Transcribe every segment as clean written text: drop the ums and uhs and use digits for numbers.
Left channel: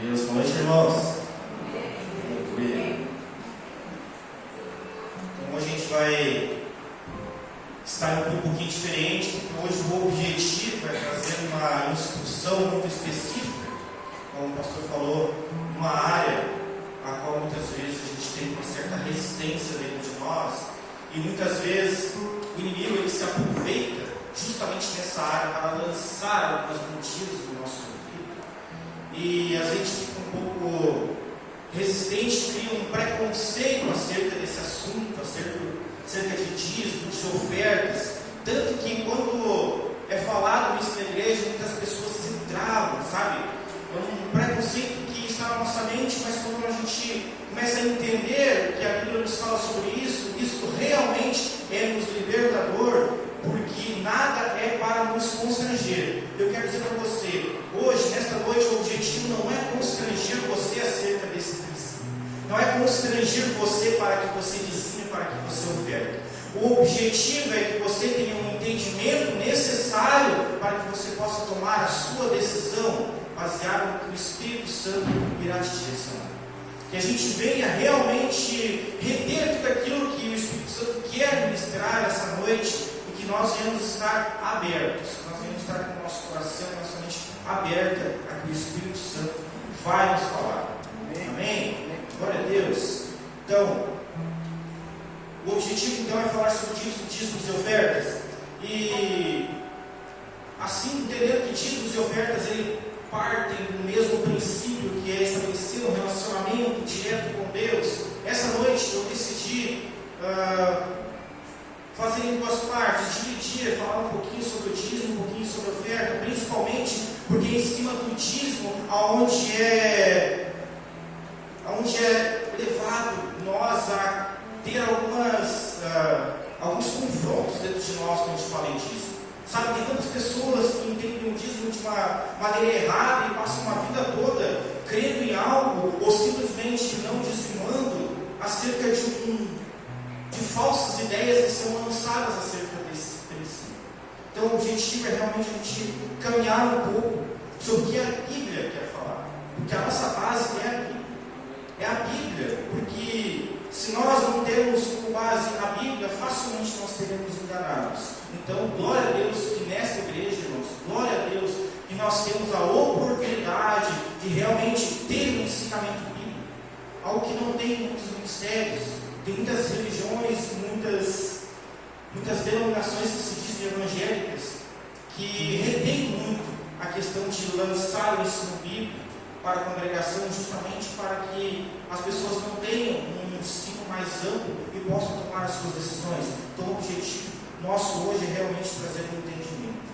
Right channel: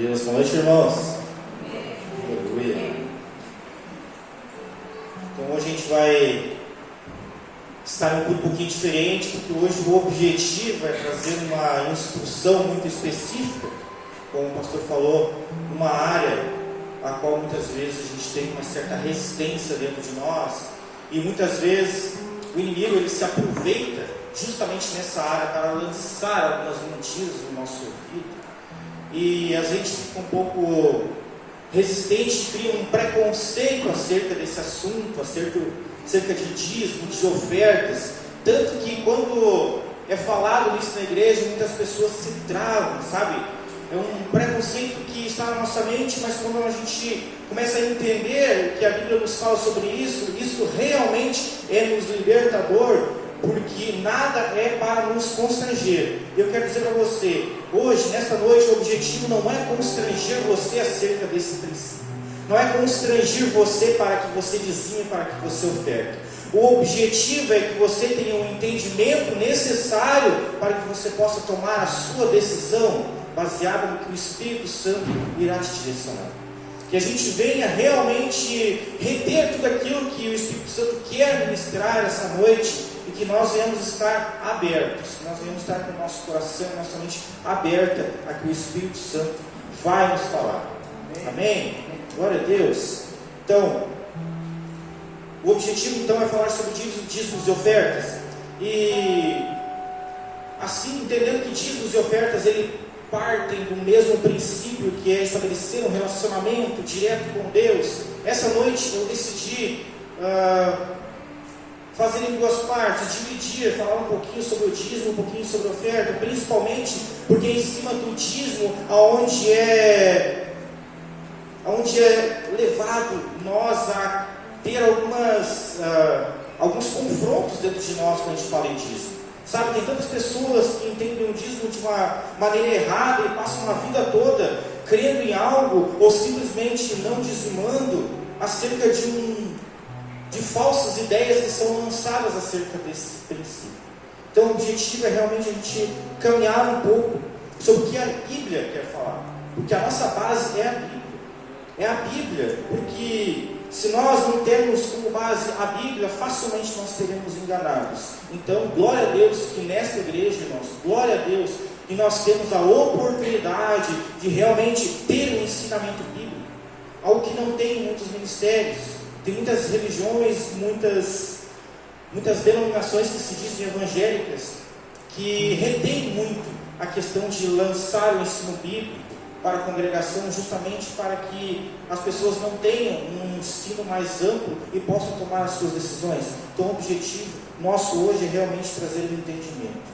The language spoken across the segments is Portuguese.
Deus, boa noite, irmãos. Aleluia. Então hoje a gente vai estar em um pouquinho diferente, porque hoje o objetivo é trazer uma instrução muito específica, como o pastor falou, uma área a qual muitas vezes a gente tem uma certa resistência dentro de nós, e muitas vezes o inimigo ele se aproveita justamente nessa área para lançar algumas mentiras no nosso ouvido, e a gente fica um pouco resistente, cria um preconceito acerca desse assunto, acerca de dízimo, de ofertas, tanto que quando é falado isso na igreja, muitas pessoas se travam, sabe? É um preconceito que está na nossa mente, mas quando a gente começa a entender o que a Bíblia nos fala sobre isso, isso realmente é nos libertador, porque nada é para nos constranger. Eu quero dizer para você, hoje, nesta noite, o objetivo não é constranger você acerca desse princípio. Não é constranger você para que você dizime, para que você oferte. O objetivo é que você tenha um entendimento necessário para que você possa tomar a sua decisão baseado no que o Espírito Santo irá te direcionar. Que a gente venha realmente reter tudo aquilo que o Espírito Santo quer ministrar essa noite, e que nós venhamos estar abertos, que nós venhamos estar com o nosso coração, nossa mente aberta a que o Espírito Santo vai nos falar. Amém? Glória a Deus. Então, o objetivo então é falar sobre dízimos e ofertas, e assim, entendendo que dízimos e ofertas ele partem do mesmo princípio, que é estabelecer um relacionamento direto com Deus. Essa noite eu decidi fazer em duas partes, dividir, falar um pouquinho sobre o dízimo, um pouquinho sobre a oferta, principalmente porque em cima do dízimo, aonde é levado nós a ter alguns confrontos dentro de nós quando a gente fala em dízimo. Sabe, tem tantas pessoas que entendem o dízimo de uma maneira errada e passam uma vida toda crendo em algo ou simplesmente não dizimando acerca de falsas ideias que são lançadas acerca desse princípio. Então o objetivo é realmente a gente caminhar um pouco sobre o que a Bíblia quer falar, porque a nossa base é a Bíblia. É a Bíblia, porque se nós não temos como base a Bíblia, facilmente nós seremos enganados. Então, glória a Deus que nesta igreja, irmãos, glória a Deus que nós temos a oportunidade de realmente ter um ensinamento bíblico, algo que não tem em muitos ministérios. Tem muitas religiões, muitas denominações que se dizem evangélicas, que retêm muito a questão de lançar o ensino bíblico para a congregação, justamente para que as pessoas não tenham um ensino mais amplo e possam tomar as suas decisões. Então o objetivo nosso hoje é realmente trazer um entendimento.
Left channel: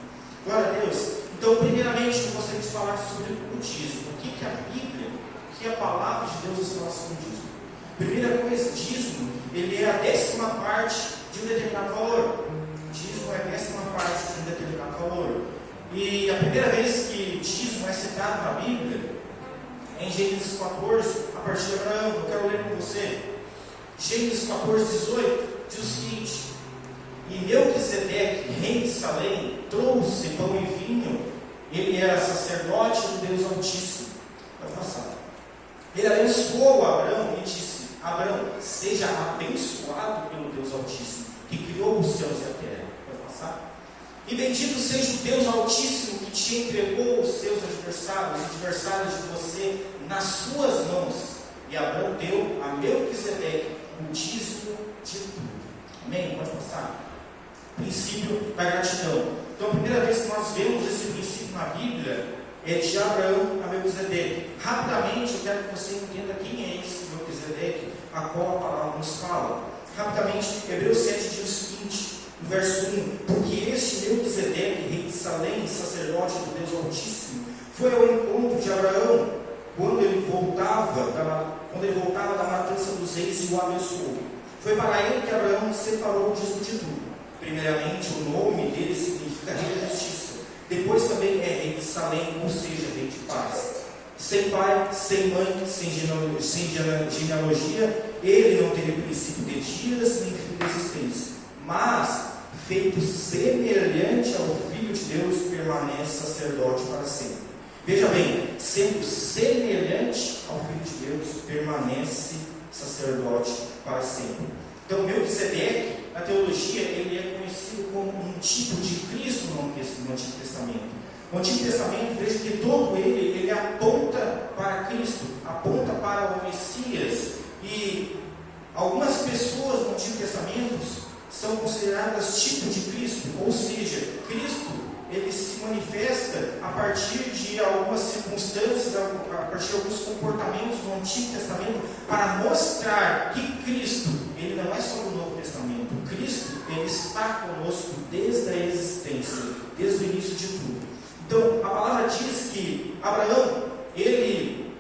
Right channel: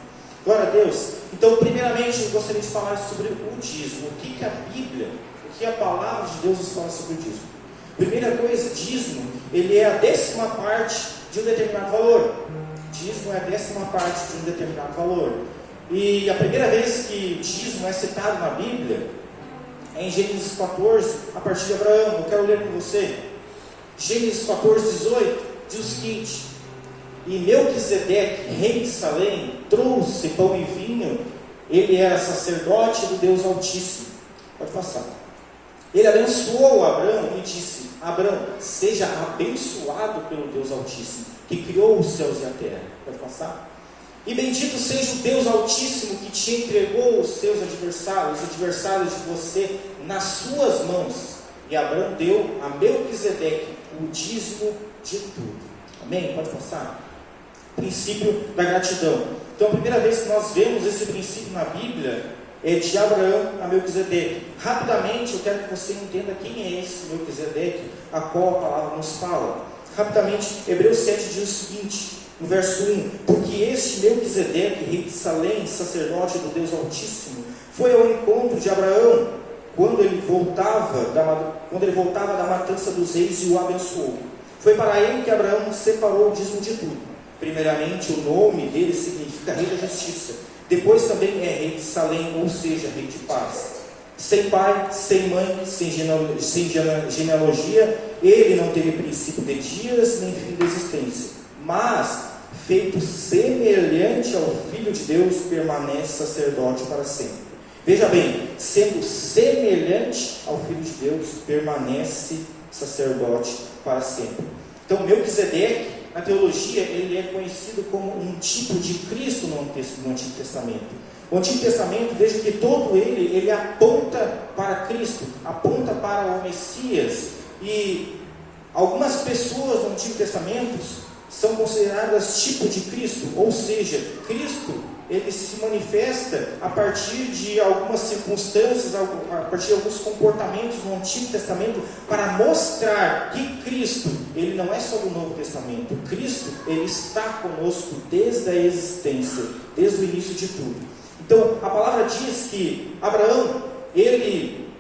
Glória a Deus. Então, primeiramente, eu gostaria de falar sobre o dízimo. O que a Bíblia, o que a palavra de Deus nos fala sobre o dízimo? Primeira coisa, dízimo, ele é a 10ª parte de um determinado valor. Dízimo é a 10ª parte de um determinado valor. E a primeira vez que dízimo é citado na Bíblia é em Gênesis 14, a partir de Abraão. Eu quero ler com você. Gênesis 14, 18, diz o seguinte: E Melquisedeque, rei de Salém, trouxe pão e vinho. Ele era sacerdote do Deus Altíssimo. Pode passar. Ele abençoou Abraão e disse: Abraão, seja abençoado pelo Deus Altíssimo, que criou os céus e a terra. Pode passar. E bendito seja o Deus Altíssimo, que te entregou os seus adversários, os adversários de você, nas suas mãos. E Abraão deu a Melquisedeque o dízimo de tudo. Amém? Pode passar. Princípio da gratidão. Então, a primeira vez que nós vemos esse princípio na Bíblia é de Abraão a Melquisedeque. Rapidamente, eu quero que você entenda quem é esse Melquisedeque, a qual a palavra nos fala. Rapidamente, Hebreus 7 diz o seguinte, no verso 1: Porque este Melquisedeque, rei de Salém, sacerdote do Deus Altíssimo, foi ao encontro de Abraão quando ele voltava da matança dos reis e o abençoou. Foi para ele que Abraão separou o dízimo de tudo. Primeiramente, o nome dele significa rei da justiça. Depois também é rei de Salém, ou seja, rei de paz. Sem pai, sem mãe, sem genealogia, ele não teve princípio de dias, nem fim de existência. Mas, feito semelhante ao Filho de Deus, permanece sacerdote para sempre. Veja bem, sendo semelhante ao Filho de Deus, permanece sacerdote para sempre. Então, Melquisedeque, na teologia, ele é conhecido como um tipo de Cristo no Antigo Testamento. O Antigo Testamento, veja que todo ele aponta para Cristo, aponta para o Messias. E algumas pessoas no Antigo Testamento são consideradas tipo de Cristo, ou seja, Cristo ele se manifesta a partir de algumas circunstâncias, a partir de alguns comportamentos no Antigo Testamento, para mostrar que Cristo, ele não é só do Novo Testamento. Cristo, ele está conosco desde a existência, desde o início de tudo. Então, a palavra diz que Abraão, ele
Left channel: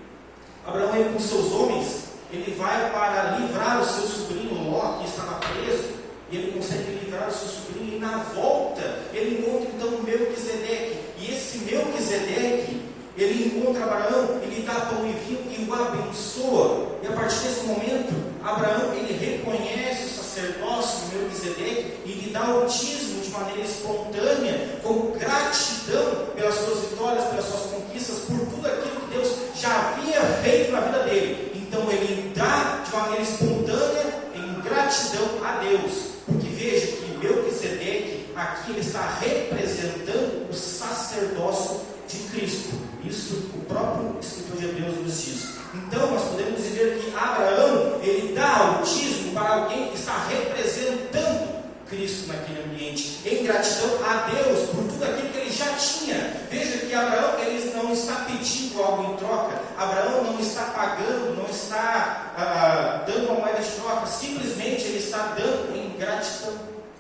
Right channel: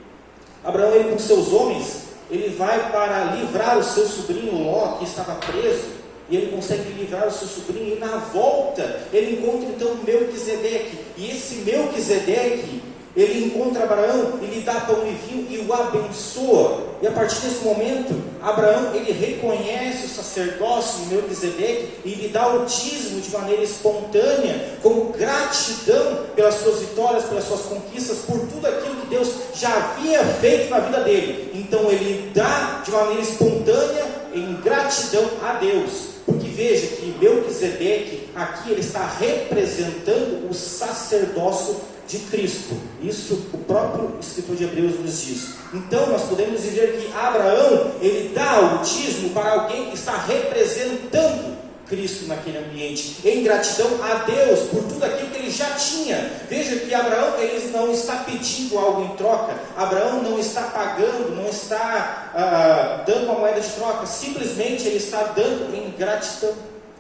com seus homens, ele vai para livrar o seu sobrinho Ló, que estava preso. E ele consegue livrar o seu sobrinho, e na volta ele encontra então Melquisedeque. E esse Melquisedeque, ele encontra Abraão, ele dá pão e vinho e o abençoa. E a partir desse momento, Abraão ele reconhece o sacerdócio de Melquisedeque e lhe dá o dízimo de maneira espontânea, como gratidão pelas suas vitórias, pelas suas conquistas, por tudo aquilo que Deus já havia feito na vida dele. Então ele dá de maneira espontânea, em gratidão a Deus. Porque veja que Melquisedeque aqui ele está representando o sacerdócio de Cristo. Isso o próprio escritor de Hebreus nos diz. Então nós podemos dizer que Abraão ele dá o dízimo para alguém que está representando Cristo naquele ambiente, em gratidão a Deus por tudo aquilo que ele já tinha. Veja que Abraão ele não está pedindo algo em troca. Abraão não está pagando, não está dando uma moeda de troca. Simplesmente ele está dando em gratidão,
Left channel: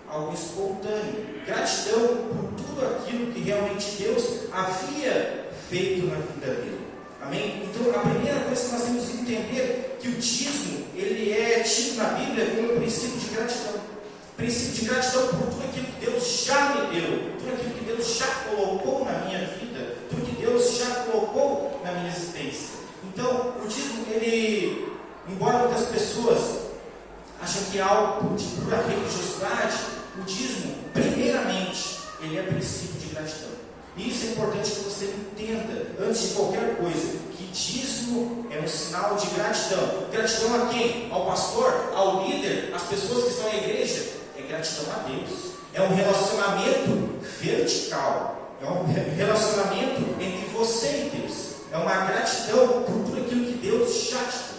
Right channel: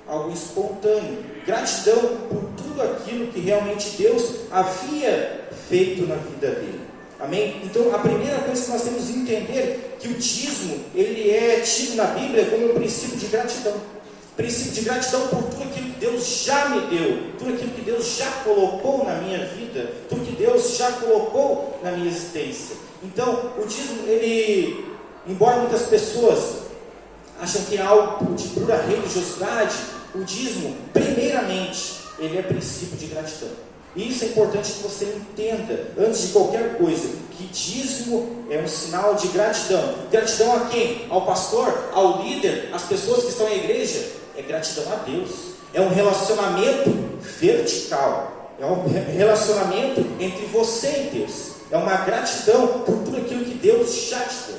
algo espontâneo, gratidão por tudo aquilo que realmente Deus havia feito na vida dele. Amém? Então a primeira coisa que nós temos que entender que o dízimo ele é tido na Bíblia como um princípio de gratidão. Princípio de gratidão por tudo aquilo que Deus já me deu, tudo aquilo que Deus já colocou na minha vida, tudo que Deus já colocou na minha existência. Então, o dízimo, ele, embora muitas pessoas acham que é algo de pura religiosidade, o dízimo, primeiramente, ele é princípio de gratidão. E isso é importante que você entenda, antes de qualquer coisa, que dízimo é um sinal de gratidão. Gratidão a quem? Ao pastor? Ao líder? Às pessoas que estão na igreja? É gratidão a Deus. É um relacionamento vertical. É um relacionamento entre você e Deus. É uma gratidão por tudo aquilo que Deus já te deu.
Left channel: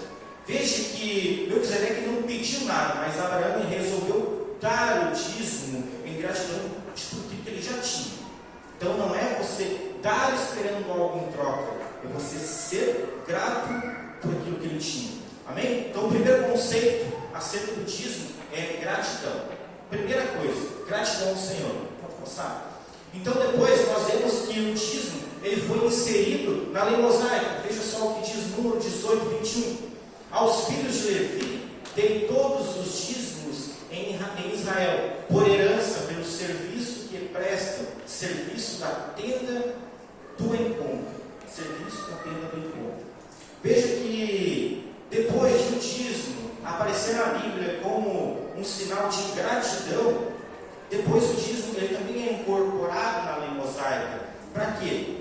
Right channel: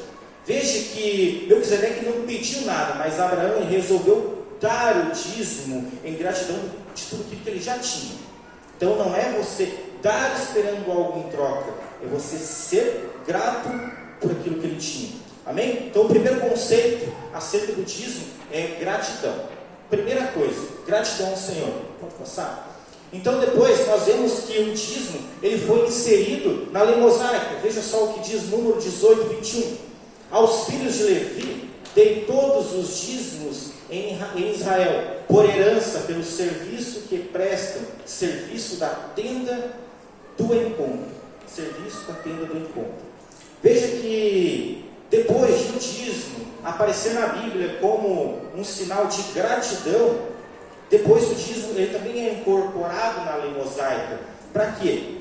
Veja que Melquisedeque não pediu nada, mas Abraão resolveu dar o dízimo em gratidão de tudo aquilo que ele já tinha. Então não é você dar esperando algo em troca, é você ser grato por aquilo que ele tinha. Amém? Então o primeiro conceito acerca do dízimo é gratidão. Primeira coisa, gratidão ao Senhor. Pode passar? Então depois nós vemos que o dízimo ele foi inserido na lei mosaica. Veja só o que diz número 18, 21. Aos filhos de Levi dei todos os dízimos em Israel, por herança pelo serviço que prestam, serviço da tenda do encontro. Serviço da tenda do encontro. Veja que depois do dízimo aparecer na Bíblia como um sinal de gratidão, depois o dízimo ele também é incorporado na lei mosaica. Para quê?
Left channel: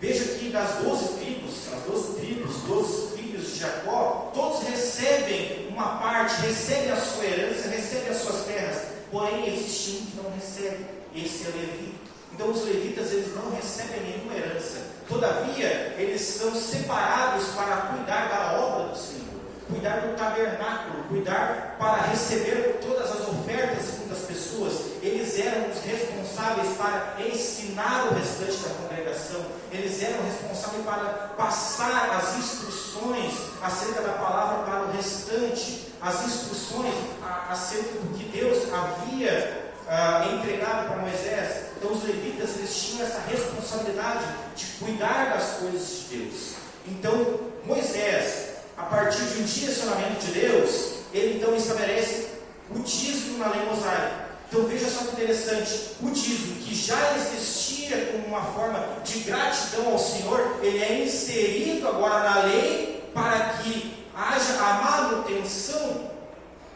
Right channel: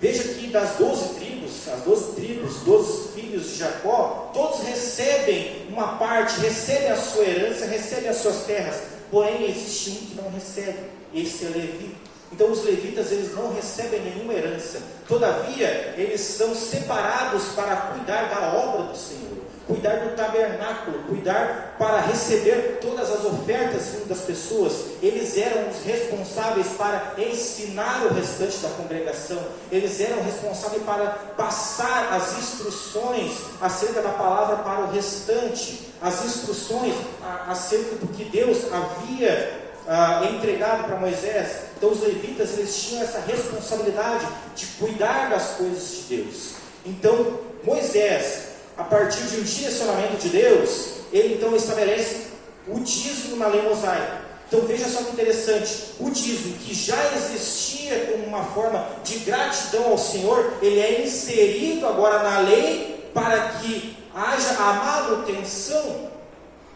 Veja que das 12 tribos, as 12 tribos, 12 filhos de Jacó, todos recebem uma parte, recebem a sua herança, recebem as suas terras. Porém, existe um que não recebe, esse é Levi. Então, os levitas eles não recebem nenhuma herança. Todavia, eles são separados para cuidar da obra do Senhor, cuidar do tabernáculo, cuidar para receber todas as ofertas das pessoas. Eles eram os responsáveis para ensinar o restante da congregação. Eles eram responsáveis para passar as instruções acerca da palavra para o restante, as instruções acerca do que Deus havia entregado para Moisés. Então os levitas eles tinham essa responsabilidade de cuidar das coisas de Deus. Então Moisés, a partir de um direcionamento de Deus, ele então estabelece o dízimo na lei mosaica. Então veja só que interessante, o dízimo que já existia como uma forma de gratidão ao Senhor, ele é inserido agora na lei para que haja a manutenção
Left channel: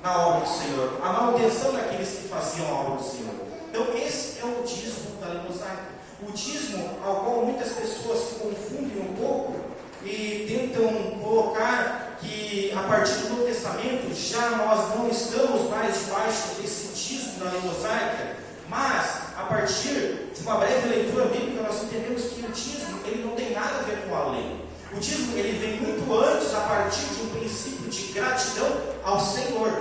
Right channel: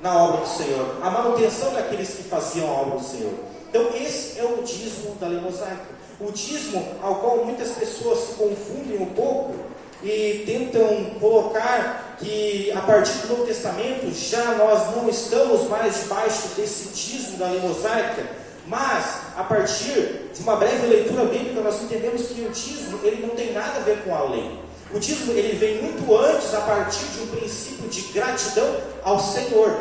na obra do Senhor, a manutenção daqueles que faziam a obra do Senhor. Então esse é o dízimo da lei mosaica. O dízimo, ao qual muitas pessoas se confundem um pouco e tentam colocar que a partir do Novo Testamento já nós não estamos mais debaixo desse dízimo da lei mosaica, mas a partir de uma breve leitura bíblica nós entendemos que o dízimo ele não tem nada a ver com a lei. O dízimo ele vem muito antes, a partir de um princípio de gratidão ao Senhor,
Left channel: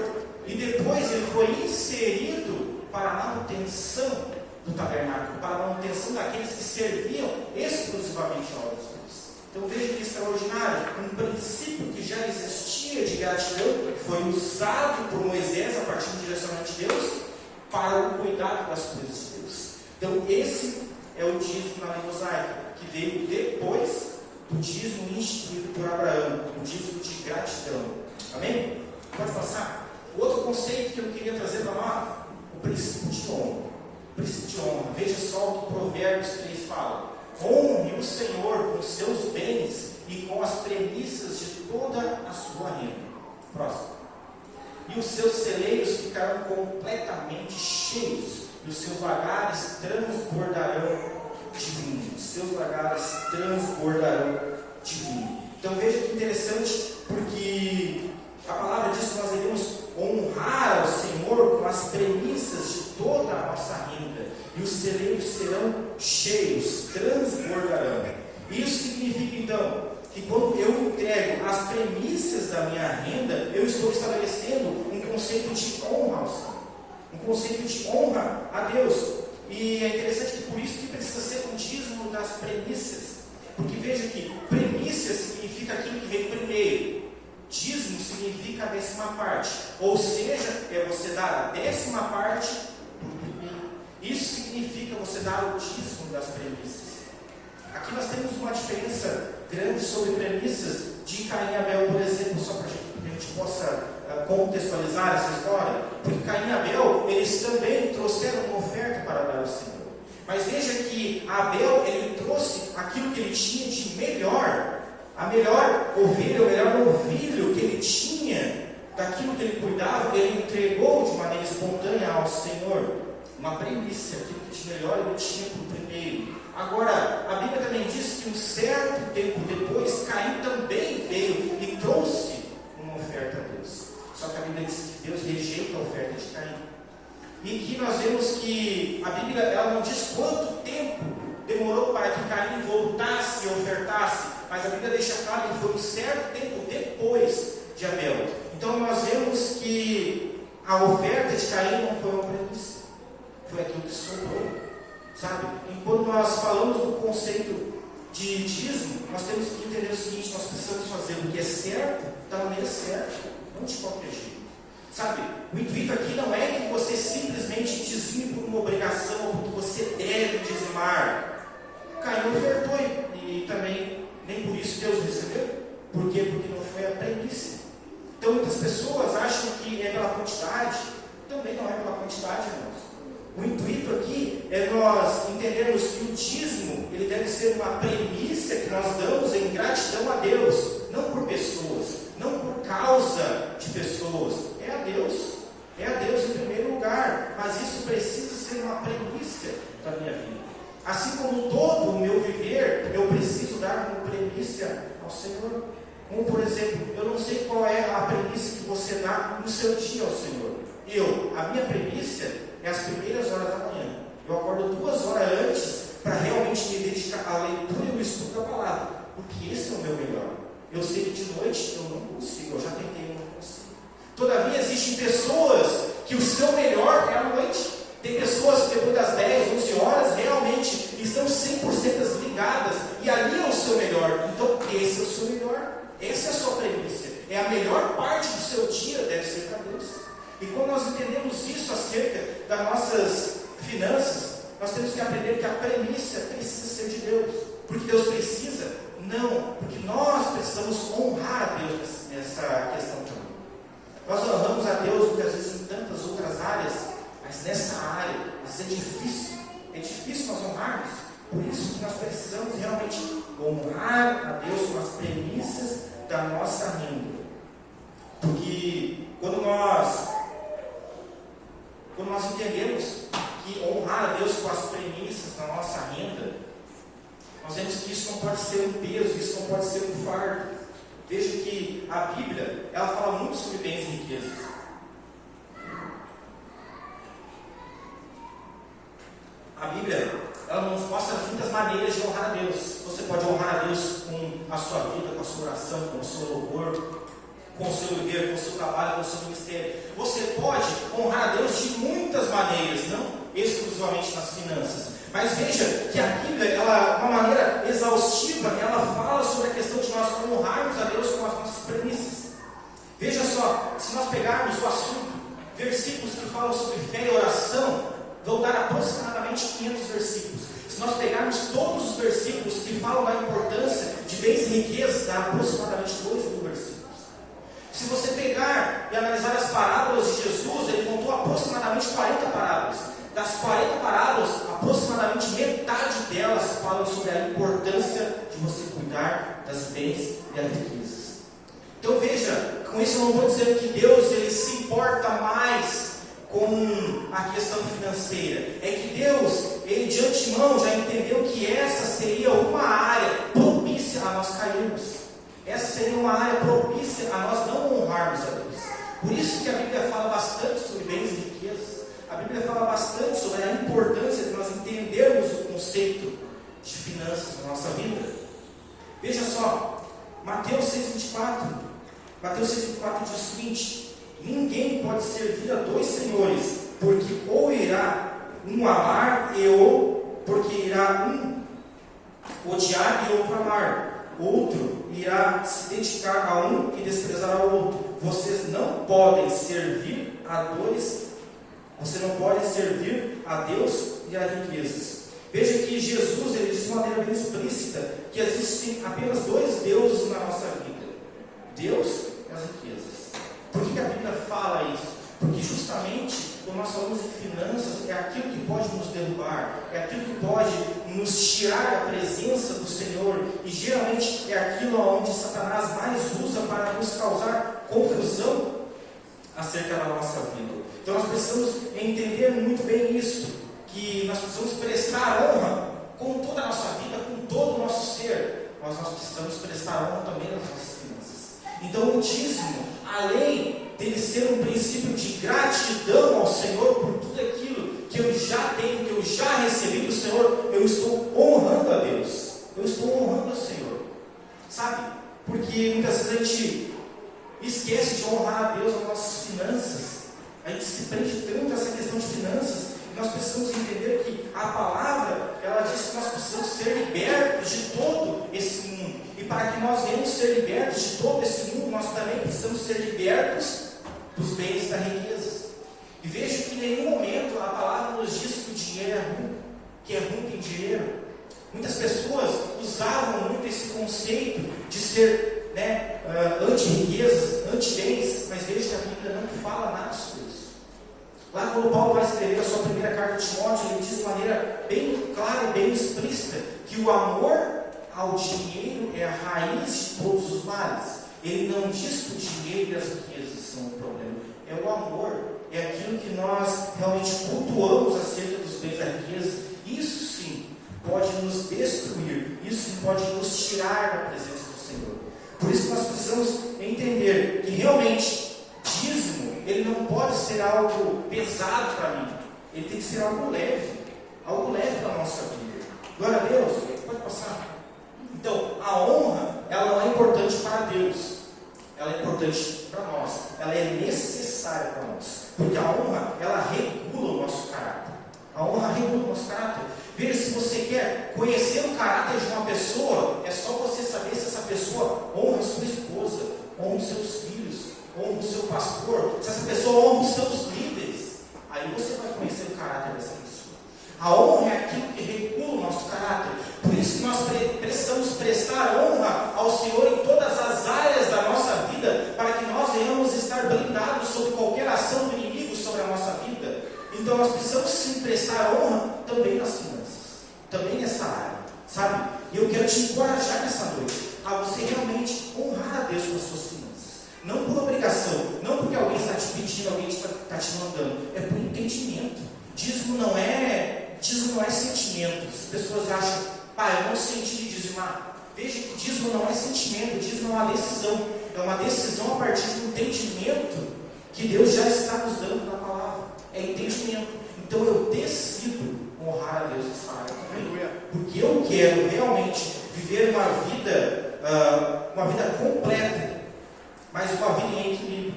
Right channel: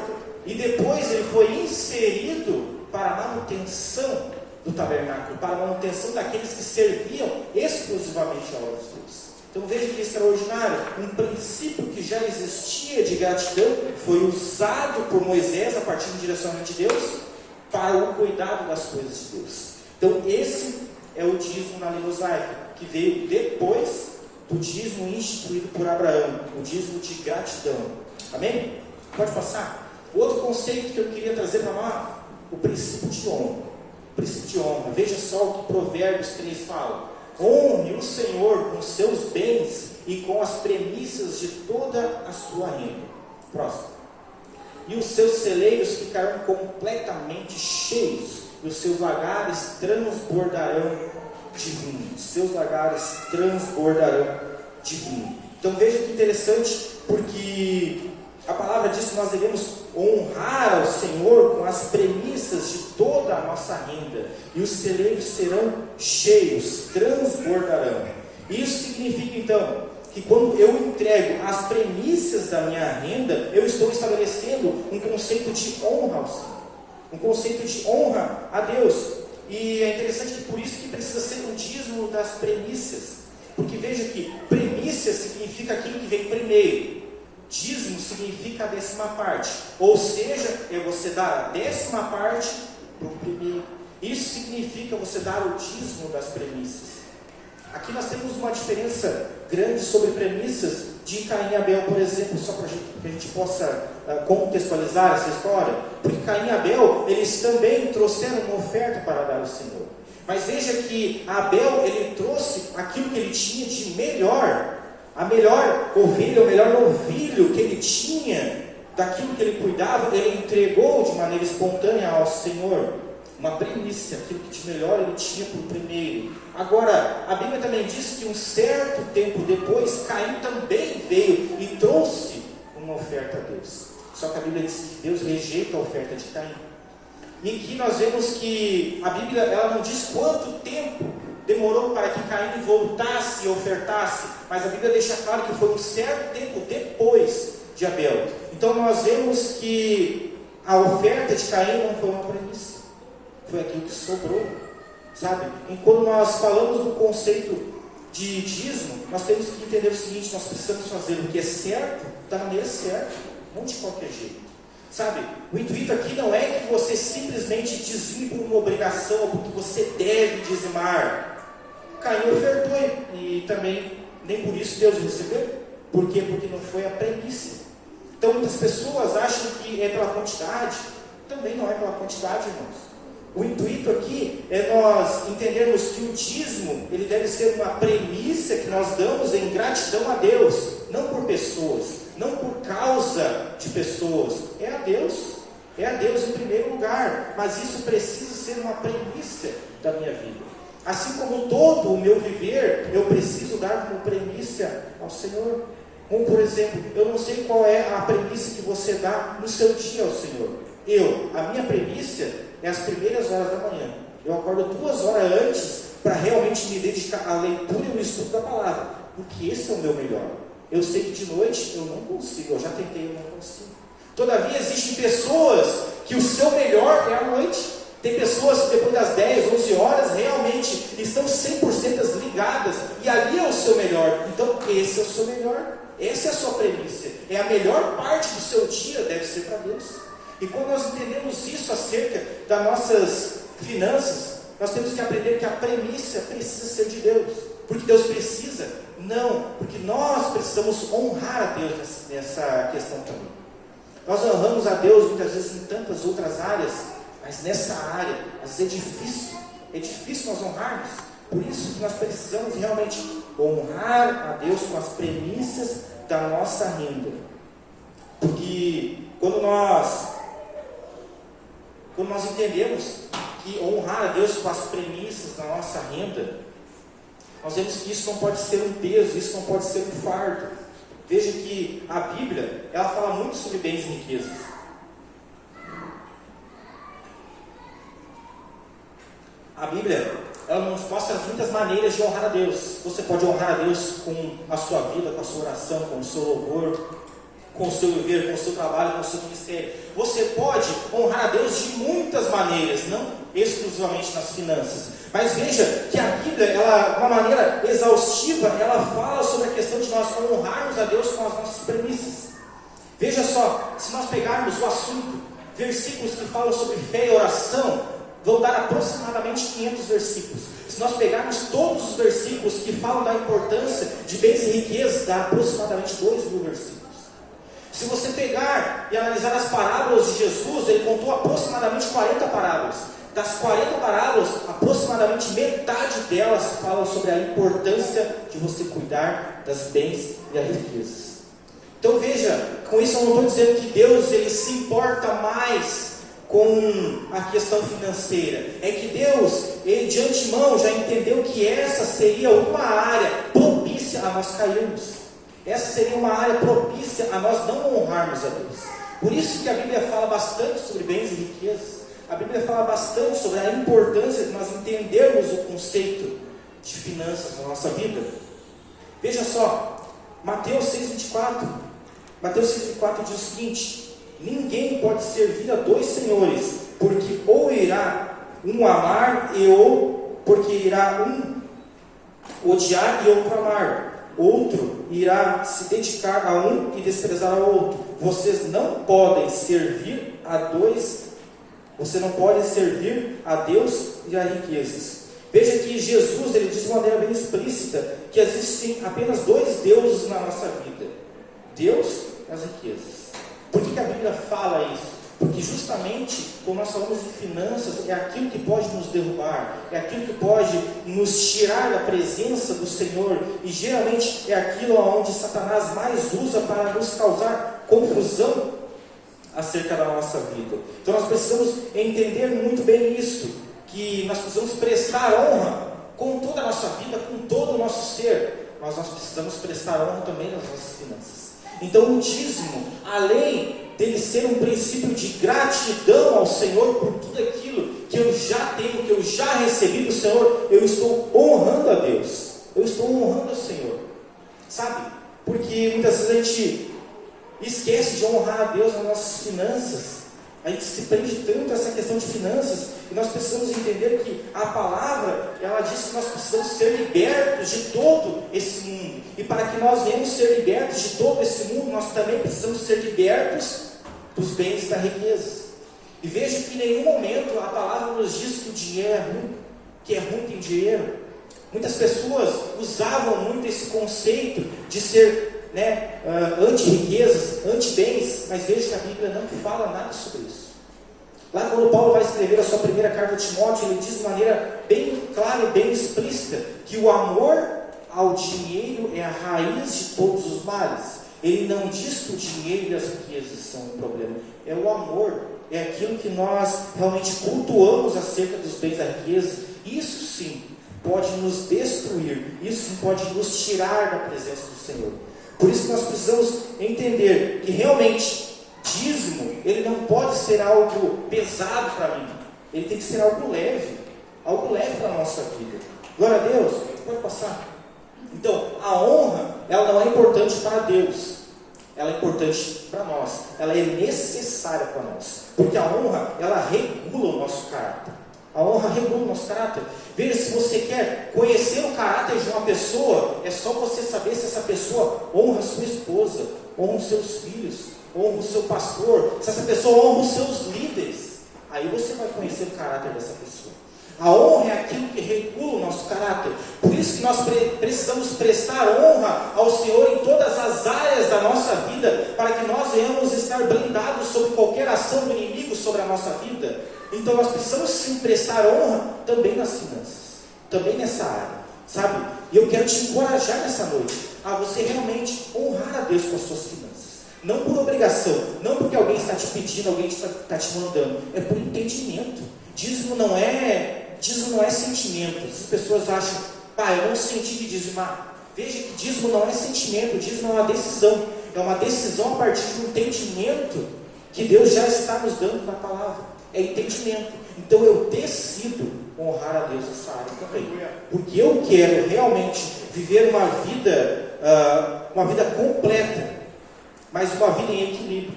e depois ele foi inserido para a manutenção do tabernáculo, para a manutenção daqueles que serviam exclusivamente a obras de Deus. Então veja que extraordinário, um princípio que já existia de gratidão foi usado por Moisés a partir do direcionamento de Deus para o cuidado das coisas de Deus. Então esse é o dízimo na lei mosaica, que veio depois do dízimo instituído por Abraão, o dízimo de gratidão. Amém? Pode passar? Outro conceito que eu queria trazer para nós, o princípio de honra. O princípio de honra. Veja só o que Provérbios 3 fala. Honre o Senhor com seus bens e com as premissas de toda a sua renda. Próximo. E os seus celeiros ficarão completamente cheios, e os seus lagares transbordarão de vinho. Os seus lagares transbordarão de vinho. Então veja que interessante, porque a palavra diz que nós devemos honrar ao Senhor com as premissas de toda a nossa renda, e os celeiros serão cheios, transbordarão. Isso significa então que quando eu entrego as premissas da minha renda, eu estou estabelecendo um conceito de honra ao Senhor, um conceito de honra a Deus. E é interessante que por isso que precisa ser um dízimo das premissas, porque veja que premissas significa aquilo que vem primeiro. Dízimo significa a 10ª parte, ou seja, é você dar a 10ª parte do primeiro. Isso significa você dar o dízimo das premissas. Aqui nós temos uma diferença grande sobre premissas de Caim e Abel, por exemplo, só para que a gente possa contextualizar essa história, porque Caim e Abel, eles também trouxeram uma oferta para dar ao Senhor. Mas veja que Abel, ele trouxe aquilo que ele tinha de melhor, a melhor ovelha, o melhor novilho que ele tinha, daquilo que ele cuidava, ele entregou de maneira espontânea ao Senhor, uma primícia, aquilo que de melhor ele tinha por primeiro. Agora, a Bíblia também diz que um certo tempo depois, Caim também veio e trouxe uma oferta a Deus. Só que a Bíblia diz que Deus rejeita a oferta de Caim. E aqui nós vemos que a Bíblia ela não diz quanto tempo demorou para que Caim voltasse e ofertasse, mas a Bíblia deixa claro que foi um certo tempo depois de Abel. Então nós vemos que a oferta de Caim não foi uma premissa, foi aquilo que sobrou, sabe? E quando nós falamos do conceito de dízimo, nós temos que entender o seguinte: nós precisamos fazer o que é certo, da maneira certa, não de qualquer jeito, sabe? O intuito aqui não é que você simplesmente dizime por uma obrigação ou porque você deve dizimar. Caim ofertou e também nem por isso Deus recebeu. Por quê? Porque não foi a premissa. Então muitas pessoas acham que é pela quantidade. Também não é pela quantidade, irmãos. O intuito aqui é nós entendermos que o dízimo ele deve ser uma premissa que nós damos em gratidão a Deus, não por pessoas, não por causa de pessoas. É a Deus em primeiro lugar, mas isso precisa ser uma premissa da minha vida. Assim como todo o meu viver, eu preciso dar como premissa ao Senhor. Como por exemplo, eu não sei qual é a premissa que você dá no seu dia ao Senhor. A minha premissa é as primeiras horas da manhã. Eu acordo 2 horas antes para realmente me dedicar à leitura e ao estudo da palavra, porque esse é o meu melhor. Eu sei que de noite eu não consigo, eu já tentei, eu não consigo. Todavia existem pessoas que o seu melhor é à noite. Tem pessoas que depois das 10, 11 horas realmente estão 100% ligadas e ali é o seu melhor. Então esse é o seu melhor, essa é a sua premissa, é a melhor parte do seu dia, deve ser para Deus. E quando nós entendemos isso acerca das nossas finanças, nós temos que aprender que a premissa precisa ser de Deus. Porque Deus precisa? Não, porque nós precisamos honrar a Deus nessa questão também. Nós honramos a Deus muitas vezes em tantas outras áreas, mas nessa área, às vezes é difícil nós honrarmos. Por isso que nós precisamos realmente honrar a Deus com as premissas da nossa renda. Porque quando nós entendemos que honrar a Deus com as premissas da nossa renda, nós vemos que isso não pode ser um peso, isso não pode ser um fardo. Veja que a Bíblia, ela fala muito sobre bens e riquezas. A Bíblia, ela nos mostra muitas maneiras de honrar a Deus. Você pode honrar a Deus com a sua vida, com a sua oração, com o seu louvor, com o seu viver, com o seu trabalho, com o seu ministério. Você pode honrar a Deus de muitas maneiras, não exclusivamente nas finanças. Mas veja que a Bíblia, ela, de uma maneira exaustiva, ela fala sobre a questão de nós honrarmos a Deus com as nossas premissas. Veja só, se nós pegarmos o assunto, versículos que falam sobre fé e oração, vão dar aproximadamente 500 versículos. Se nós pegarmos todos os versículos que falam da importância de bens e riquezas, dá aproximadamente 2.000 versículos. Se você pegar e analisar as parábolas de Jesus, ele contou aproximadamente 40 parábolas. Das 40 parábolas, aproximadamente metade delas falam sobre a importância de você cuidar das bens e das riquezas. Então veja, com isso eu não estou dizendo que Deus ele se importa mais com a questão financeira. É que Deus, ele de antemão já entendeu que essa seria uma área propícia a nós cairmos. Essa seria uma área propícia a nós não honrarmos a Deus. Por isso que a Bíblia fala bastante sobre bens e riquezas. A Bíblia fala bastante sobre a importância de nós entendermos o conceito de finanças na nossa vida. Veja só, Mateus 6,24. Mateus 6,24 diz o seguinte: ninguém pode servir a dois senhores, porque ou irá um amar porque irá um odiar e outro amar. Outro irá se dedicar a um e desprezar ao outro. Vocês não podem servir a dois. Você não pode servir a Deus e a riquezas. Veja que Jesus ele diz de maneira bem explícita que existem apenas dois deuses na nossa vida: Deus e as riquezas. Por que a Bíblia fala isso? Porque justamente quando nós falamos de finanças, é aquilo que pode nos derrubar, é aquilo que pode nos tirar da presença do Senhor, e geralmente é aquilo onde Satanás mais usa para nos causar confusão acerca da nossa vida. Então nós precisamos entender muito bem isso, que nós precisamos prestar honra com toda a nossa vida, com todo o nosso ser, mas nós precisamos prestar honra também às nossas finanças. Então o dízimo, além dele ser um princípio de gratidão ao Senhor por tudo aquilo que eu já tenho, que eu já recebi do Senhor, eu estou honrando a Deus, eu estou honrando ao Senhor, sabe? Porque muitas vezes a gente esquece de honrar a Deus nas nossas finanças. A gente se prende tanto a essa questão de finanças, e nós precisamos entender que a palavra, ela diz que nós precisamos ser libertos de todo esse mundo, e para que nós venhamos ser libertos de todo esse mundo, nós também precisamos ser libertos dos bens e da riqueza. E veja que em nenhum momento a palavra nos diz que o dinheiro é ruim, que é ruim ter dinheiro. Muitas pessoas usavam muito esse conceito de ser anti-riquezas, anti-bens, mas veja que a Bíblia não fala nada sobre isso. Lá quando Paulo vai escrever a sua primeira carta a Timóteo, ele diz de maneira bem clara e bem explícita que o amor ao dinheiro é a raiz de todos os males. Ele não diz que o dinheiro e as riquezas são um problema, é o amor, é aquilo que nós realmente cultuamos acerca dos bens da riqueza. Isso sim pode nos destruir, isso sim pode nos tirar da presença do Senhor. Por isso que nós precisamos entender que realmente dízimo, ele não pode ser algo pesado para mim, ele tem que ser algo leve para a nossa vida. Glória a Deus, pode passar. Então, a honra, ela não é importante para Deus, ela é importante para nós, ela é necessária para nós, porque a honra, ela regula o nosso caráter. A honra regula o nosso caráter. Veja, se você quer conhecer o caráter de uma pessoa, é só você saber se essa pessoa honra a sua esposa, honra os seus filhos, honra o seu pastor, se essa pessoa honra os seus líderes. Aí você vai conhecer o caráter dessa pessoa. A honra é aquilo que regula o nosso caráter. Por isso que nós precisamos prestar honra ao Senhor em todas as áreas da nossa vida, para que nós venhamos estar blindados sobre qualquer ação do inimigo sobre a nossa vida. Então nós precisamos sim prestar honra também nas finanças, também nessa área, sabe? E eu quero te encorajar nessa noite a você realmente honrar a Deus com as suas finanças. Não por obrigação, não porque alguém está te pedindo, alguém está te mandando, é por entendimento. Dízimo não é sentimento. As pessoas acham, eu não senti de dizimar. Veja que dízimo não é sentimento, dízimo é uma decisão. É uma decisão a partir de um entendimento que Deus já está nos dando na palavra. É entendimento. Então eu decido honrar a Deus nessa área também. Porque eu quero realmente viver uma vida completa, mas uma vida em equilíbrio.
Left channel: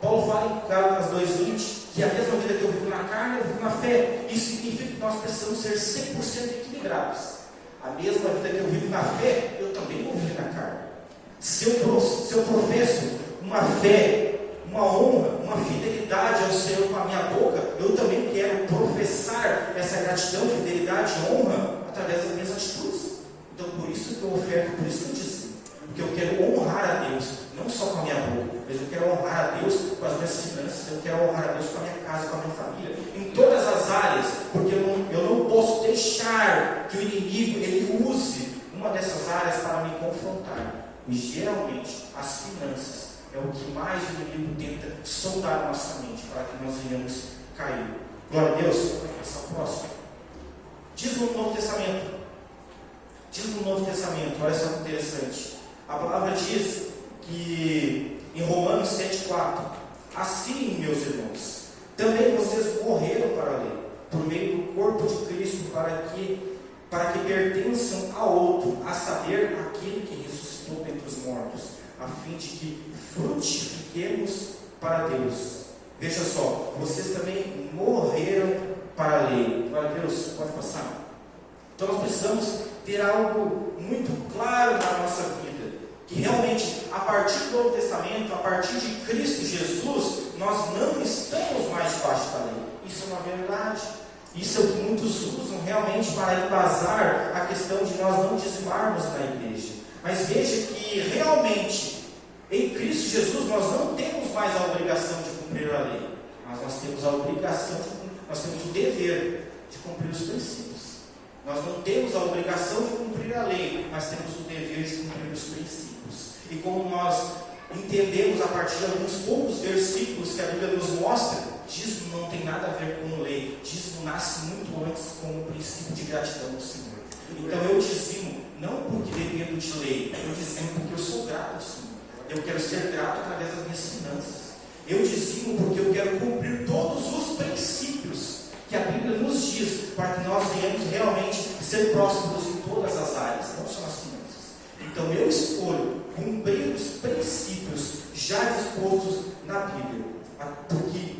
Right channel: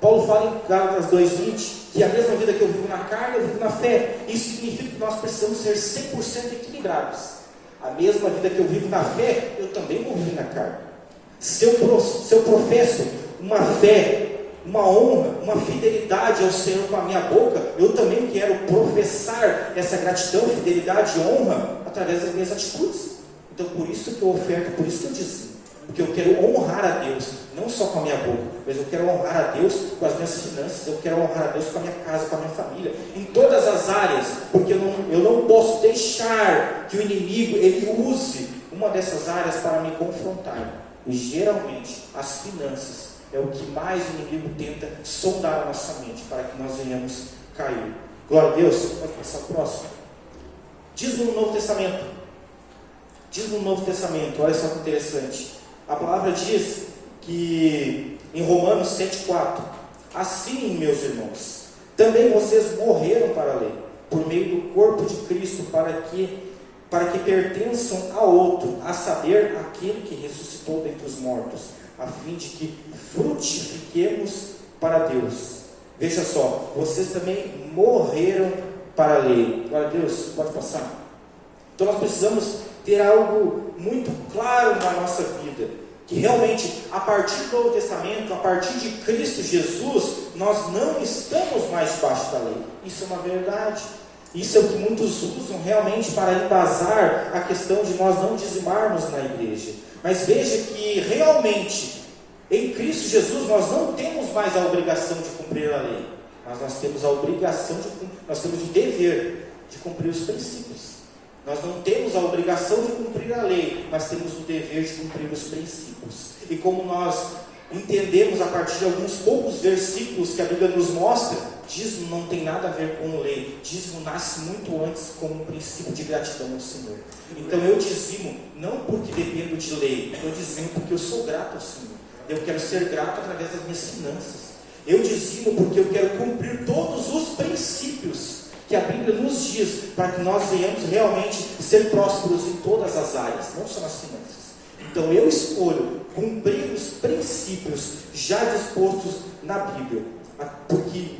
Paulo fala em Gálatas 2:20 que a mesma vida que eu vivo na carne, eu vivo na fé. Isso significa que nós precisamos ser 100% equilibrados. A mesma vida que eu vivo na fé, eu também vou viver na carne. Se eu professo uma fé, uma honra, uma fidelidade ao Senhor com a minha boca, eu também quero professar essa gratidão, fidelidade e honra através das minhas atitudes. Então por isso que eu oferto, por isso que eu dizimo. Porque eu quero honrar a Deus, não só com a minha boca, mas eu quero honrar a Deus com as minhas finanças, eu quero honrar a Deus com a minha casa, com a minha família, em todas as áreas, porque eu não posso deixar que o inimigo ele use uma dessas áreas para me confrontar. E geralmente as finanças é o que mais o inimigo tenta sondar a nossa mente para que nós venhamos cair. Glória a Deus. Pode passar o próximo. Dízimo no Novo Testamento. Dízimo no Novo Testamento, olha só que interessante. A palavra diz que em Romanos 7,4: assim, meus irmãos, também vocês morreram para a lei, por meio do corpo de Cristo, para que pertençam a outro, a saber, aquele que ressuscitou dentre os mortos, a fim de que frutifiquemos para Deus. Veja só, vocês também morreram para a lei. Glória a Deus, pode passar. Então nós precisamos ter algo muito claro na nossa vida, que realmente a partir do Novo Testamento, a partir de Cristo Jesus, nós não estamos mais debaixo da lei. Isso é uma verdade. Isso é o que muitos usam realmente para embasar a questão de nós não dizimarmos na igreja. Mas veja que realmente em Cristo Jesus nós não temos mais a obrigação de cumprir a lei, mas nós temos a obrigação nós temos o dever de cumprir os princípios. Nós não temos a obrigação de cumprir a lei, mas temos o dever de cumprir os princípios. E como nós entendemos a partir de alguns poucos versículos que a Bíblia nos mostra, dízimo não tem nada a ver com lei. Dízimo nasce muito antes com um princípio de gratidão ao Senhor. Então eu dizimo não porque dependo de lei, eu dizimo porque eu sou grato ao Senhor. Eu quero ser grato através das minhas finanças. Eu dizimo porque eu quero cumprir todos os princípios que a Bíblia nos diz, para que nós venhamos realmente ser prósperos em todas as áreas, não só nas finanças. Então eu escolho cumprir os princípios já dispostos na Bíblia, porque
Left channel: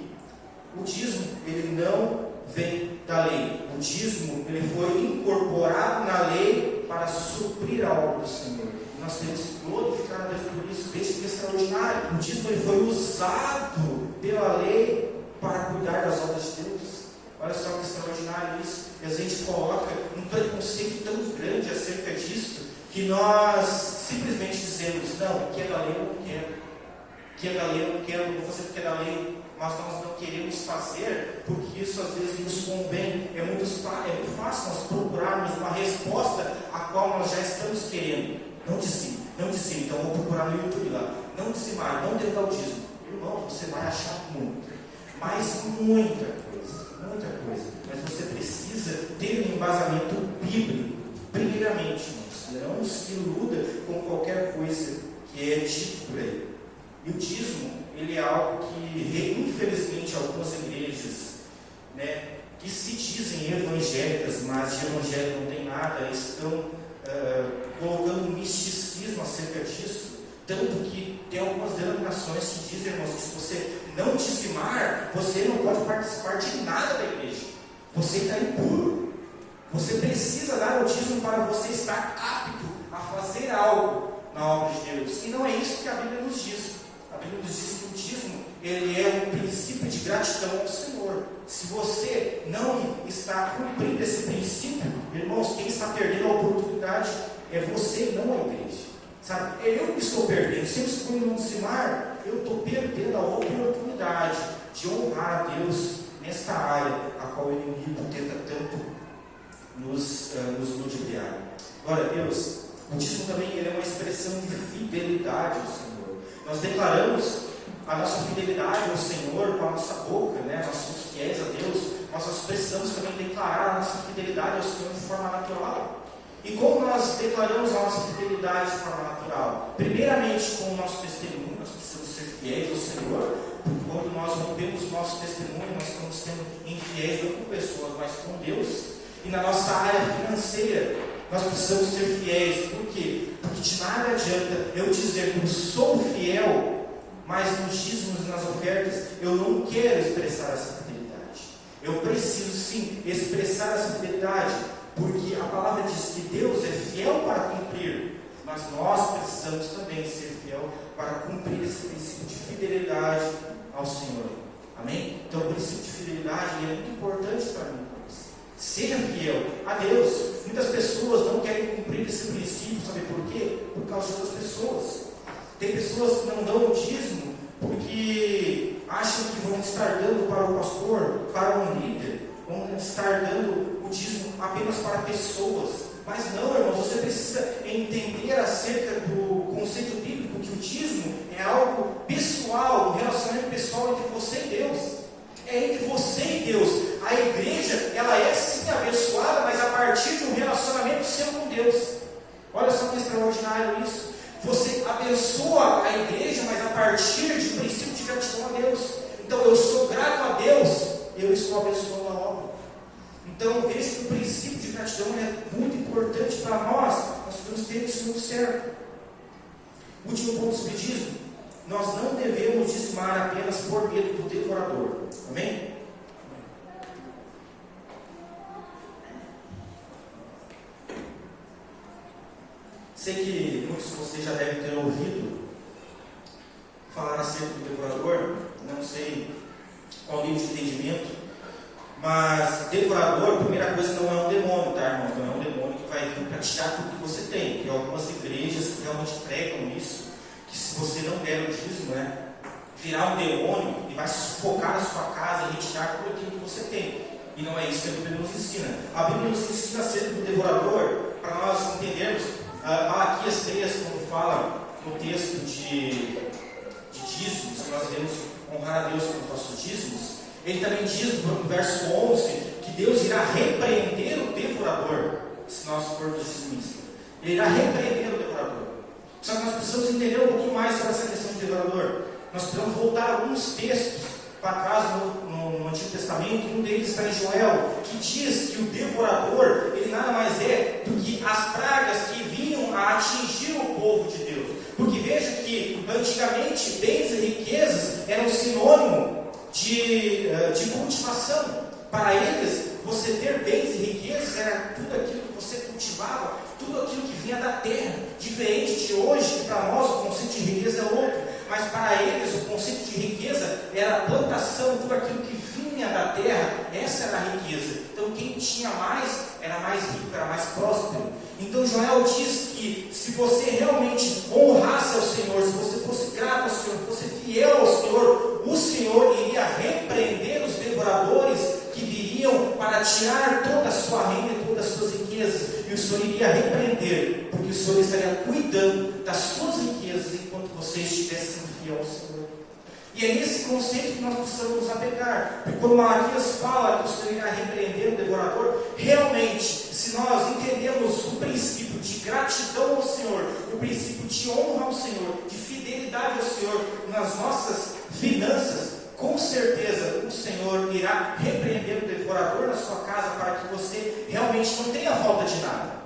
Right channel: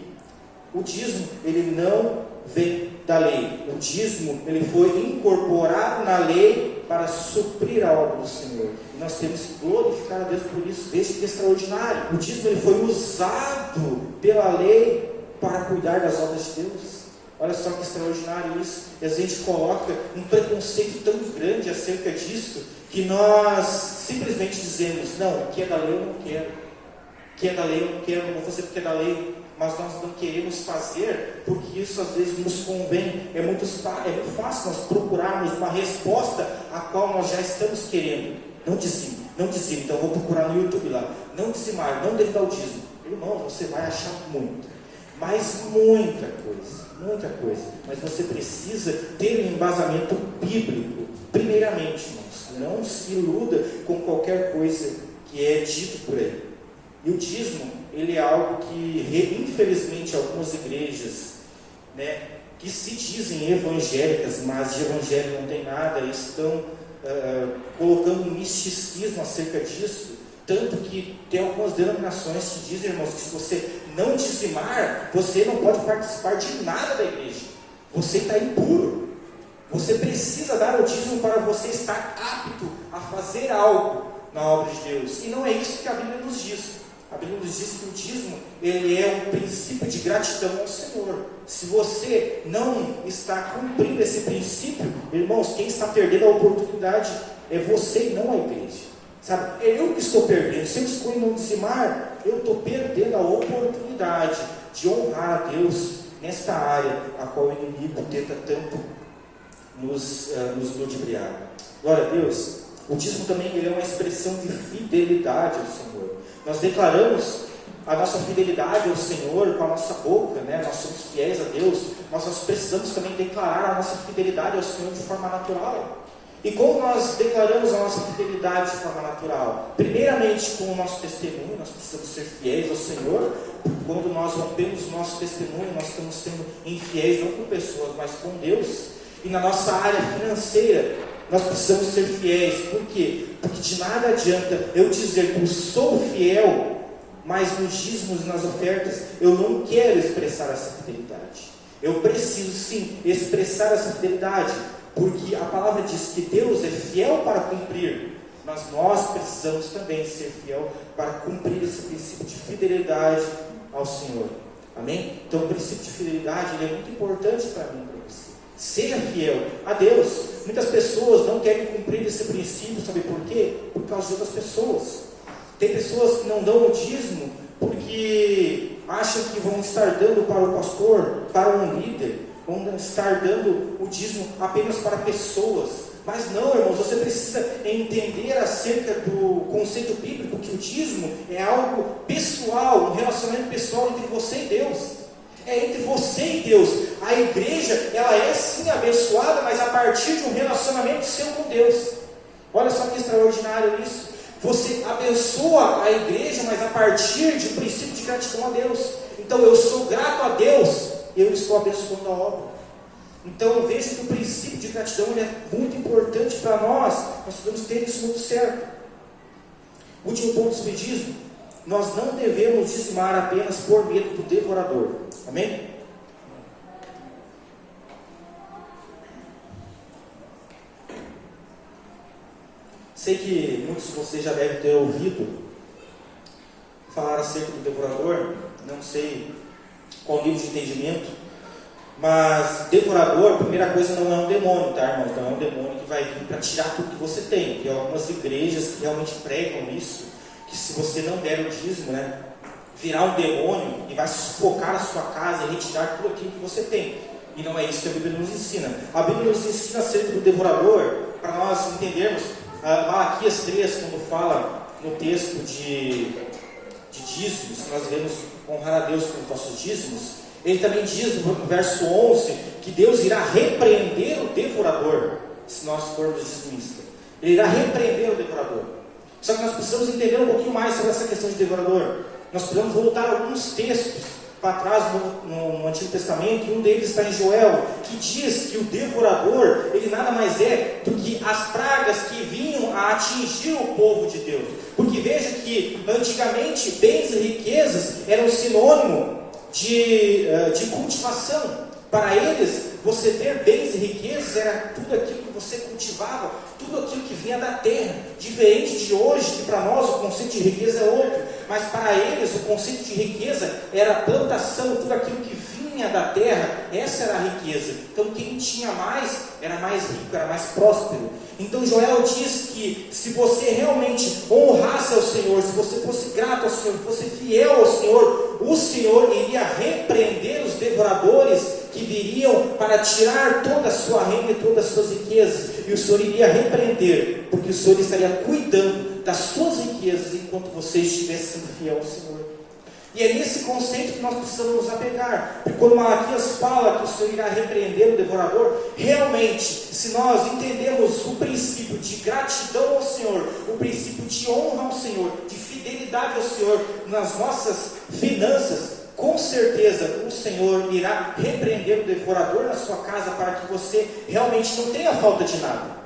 o dízimo ele não vem da lei. O dízimo ele foi incorporado na lei para suprir a obra do Senhor. E nós temos que glorificar a Deus por isso. Veja que extraordinário. O dízimo ele foi usado pela lei para cuidar das obras de Deus. Olha só que extraordinário isso. E a gente coloca um preconceito tão grande acerca disso, que nós simplesmente dizemos, não, o que é da lei eu não quero. O que é da lei eu não quero, não vou fazer porque é da lei. Mas nós não queremos fazer, porque isso às vezes nos convém. É muito fácil nós procurarmos uma resposta a qual nós já estamos querendo. Não dizime, então vou procurar no YouTube lá. Não dizimar, não dar o dízimo. Irmão, você vai achar muito, mas muita coisa. Mas você precisa ter um embasamento bíblico, primeiramente, irmãos. Não se iluda com qualquer coisa que é dito por aí. E o dízimo, ele é algo que, infelizmente, algumas igrejas, que se dizem evangélicas, mas de evangelho não tem nada, estão colocando um misticismo acerca disso, tanto que tem algumas denominações que dizem, irmãos, que se você não dizimar, você não pode participar de nada da igreja, você está impuro, você precisa dar o dízimo para você estar apto a fazer algo na obra de Deus, e não é isso que a Bíblia nos diz. A Bíblia nos diz que o dízimo ele é um princípio de gratidão ao Senhor. Se você não está cumprindo esse princípio, irmãos, quem está perdendo a oportunidade é você e não a igreja. Sabe? É eu que estou perdendo. Se eu escolho não dizimar, eu estou perdendo a oportunidade de honrar a Deus nesta área a qual o inimigo tenta tanto nos ludibriar. Glória a Deus. O dízimo também ele é uma expressão de fidelidade ao Senhor. Nós declaramos a nossa fidelidade ao Senhor com a nossa boca, né? Nós somos fiéis a Deus, nós precisamos também declarar a nossa fidelidade ao Senhor de forma natural. E como nós declaramos a nossa fidelidade de forma natural? Primeiramente com o nosso testemunho, nós precisamos ser fiéis ao Senhor, porque quando nós rompemos o nosso testemunho, nós estamos sendo infiéis não com pessoas, mas com Deus. E na nossa área financeira, nós precisamos ser fiéis. Por quê? Porque de nada adianta eu dizer que eu sou fiel, mas nos dízimos e nas ofertas eu não quero expressar essa fidelidade. Eu preciso sim expressar essa fidelidade, porque a palavra diz que Deus é fiel para cumprir, mas nós precisamos também ser fiel para cumprir esse princípio de fidelidade ao Senhor. Amém? Então o princípio de fidelidade ele é muito importante para mim. Seja fiel a Deus. Muitas pessoas não querem cumprir esse princípio, sabe por quê? Por causa de outras pessoas. Tem pessoas que não dão o dízimo porque acham que vão estar dando para o pastor, para um líder, vão estar dando o dízimo apenas para pessoas. Mas não, irmãos, você precisa entender acerca do conceito bíblico que o dízimo é algo pessoal, um relacionamento pessoal entre você e Deus. É entre você e Deus. A igreja, ela é sim abençoada, mas a partir de um relacionamento seu com Deus. Olha só que extraordinário isso. Você abençoa a igreja, mas a partir de um princípio de gratidão a Deus. Então eu sou grato a Deus, eu estou abençoando a obra. Então eu vejo que o princípio de gratidão é muito importante para nós. Nós devemos ter isso muito certo. Último ponto sobre dízimo. Nós não devemos dizimar apenas por medo do devorador. Amém? Sei que muitos de vocês já devem ter ouvido falar acerca do devorador. Não sei qual nível de entendimento, mas devorador, primeira coisa, não é um demônio, tá, irmãos? Não é um demônio que vai vir para tirar tudo que você tem. Tem algumas igrejas que realmente pregam isso, que se você não der o dízimo, né, virar um demônio e vai sufocar a sua casa e retirar tudo aquilo que você tem. E não é isso que a Bíblia nos ensina. A Bíblia nos ensina acerca do devorador, para nós entendermos. Malaquias 3, quando fala no texto de dízimos, que nós devemos honrar a Deus com os nossos dízimos, ele também diz no verso 11 que Deus irá repreender o devorador, se nós formos dizimistas. Ele irá repreender o devorador. Só que nós precisamos entender um pouquinho mais sobre essa questão de devorador. Nós precisamos voltar alguns textos para trás no Antigo Testamento, e um deles está em Joel, que diz que o devorador, ele nada mais é do que as pragas que vinham a atingir o povo de Deus. Porque veja que antigamente bens e riquezas eram sinônimo de cultivação. Para eles, você ter bens e riquezas era tudo aquilo que você cultivava, tudo aquilo que vinha da terra. Diferente de hoje, que para nós o conceito de riqueza é outro, mas para eles o conceito de riqueza era a plantação, tudo aquilo que vinha da terra, essa era a riqueza. Então quem tinha mais, era mais rico, era mais próspero. Então Joel diz que se você realmente honrasse ao Senhor, se você fosse grato ao Senhor, se fosse fiel ao Senhor, o Senhor iria repreender os devoradores que viriam para tirar toda a sua renda e todas as suas riquezas. E o Senhor iria repreender, porque o Senhor estaria cuidando das suas riquezas enquanto você estivesse sendo fiel ao Senhor. E é nesse conceito que nós precisamos nos apegar. Porque quando Malaquias fala que o Senhor irá repreender o devorador, realmente, se nós entendemos o princípio de gratidão ao Senhor, o princípio de honra ao Senhor, de fidelidade ao Senhor nas nossas finanças, com certeza o Senhor irá repreender o devorador na sua casa para que você realmente não tenha falta de nada.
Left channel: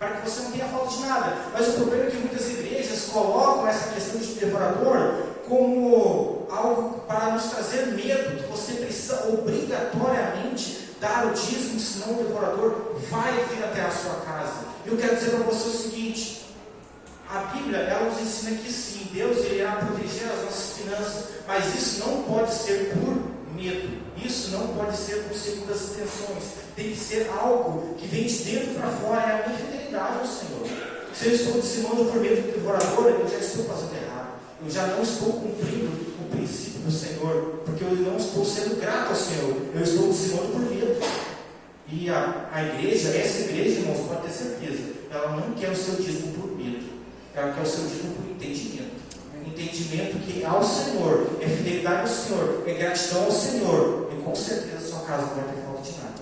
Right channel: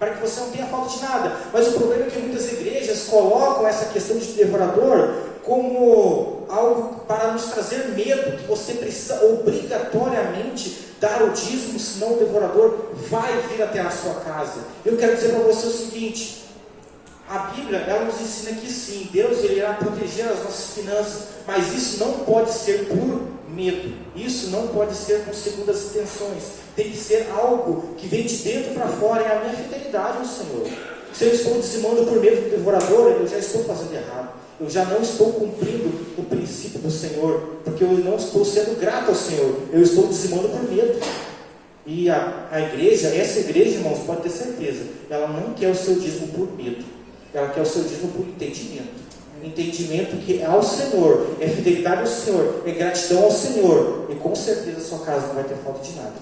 Para que você não tenha falta de nada. Mas o problema é que muitas igrejas colocam essa questão de devorador como algo para nos trazer medo, que você precisa obrigatoriamente dar o dízimo, senão o devorador vai vir até a sua casa. Eu quero dizer para você o seguinte: a Bíblia, ela nos ensina que sim, Deus ele irá proteger as nossas finanças, mas isso não pode ser por medo, isso não pode ser com segundas intenções, tem que ser algo que vem de dentro para fora, é a minha fidelidade ao Senhor. Se eu estou dizimando por medo do devorador, eu já estou fazendo errado, eu já não estou cumprindo o princípio do Senhor, porque eu não estou sendo grato ao Senhor, eu estou dizimando por medo. E a igreja, essa igreja, irmãos, pode ter certeza, ela não quer o seu dízimo por medo. Ela quer o seu dízimo por entendimento. Entendimento que é ao Senhor, é fidelidade ao Senhor, é gratidão ao Senhor, e com certeza a sua casa não vai ter falta de nada.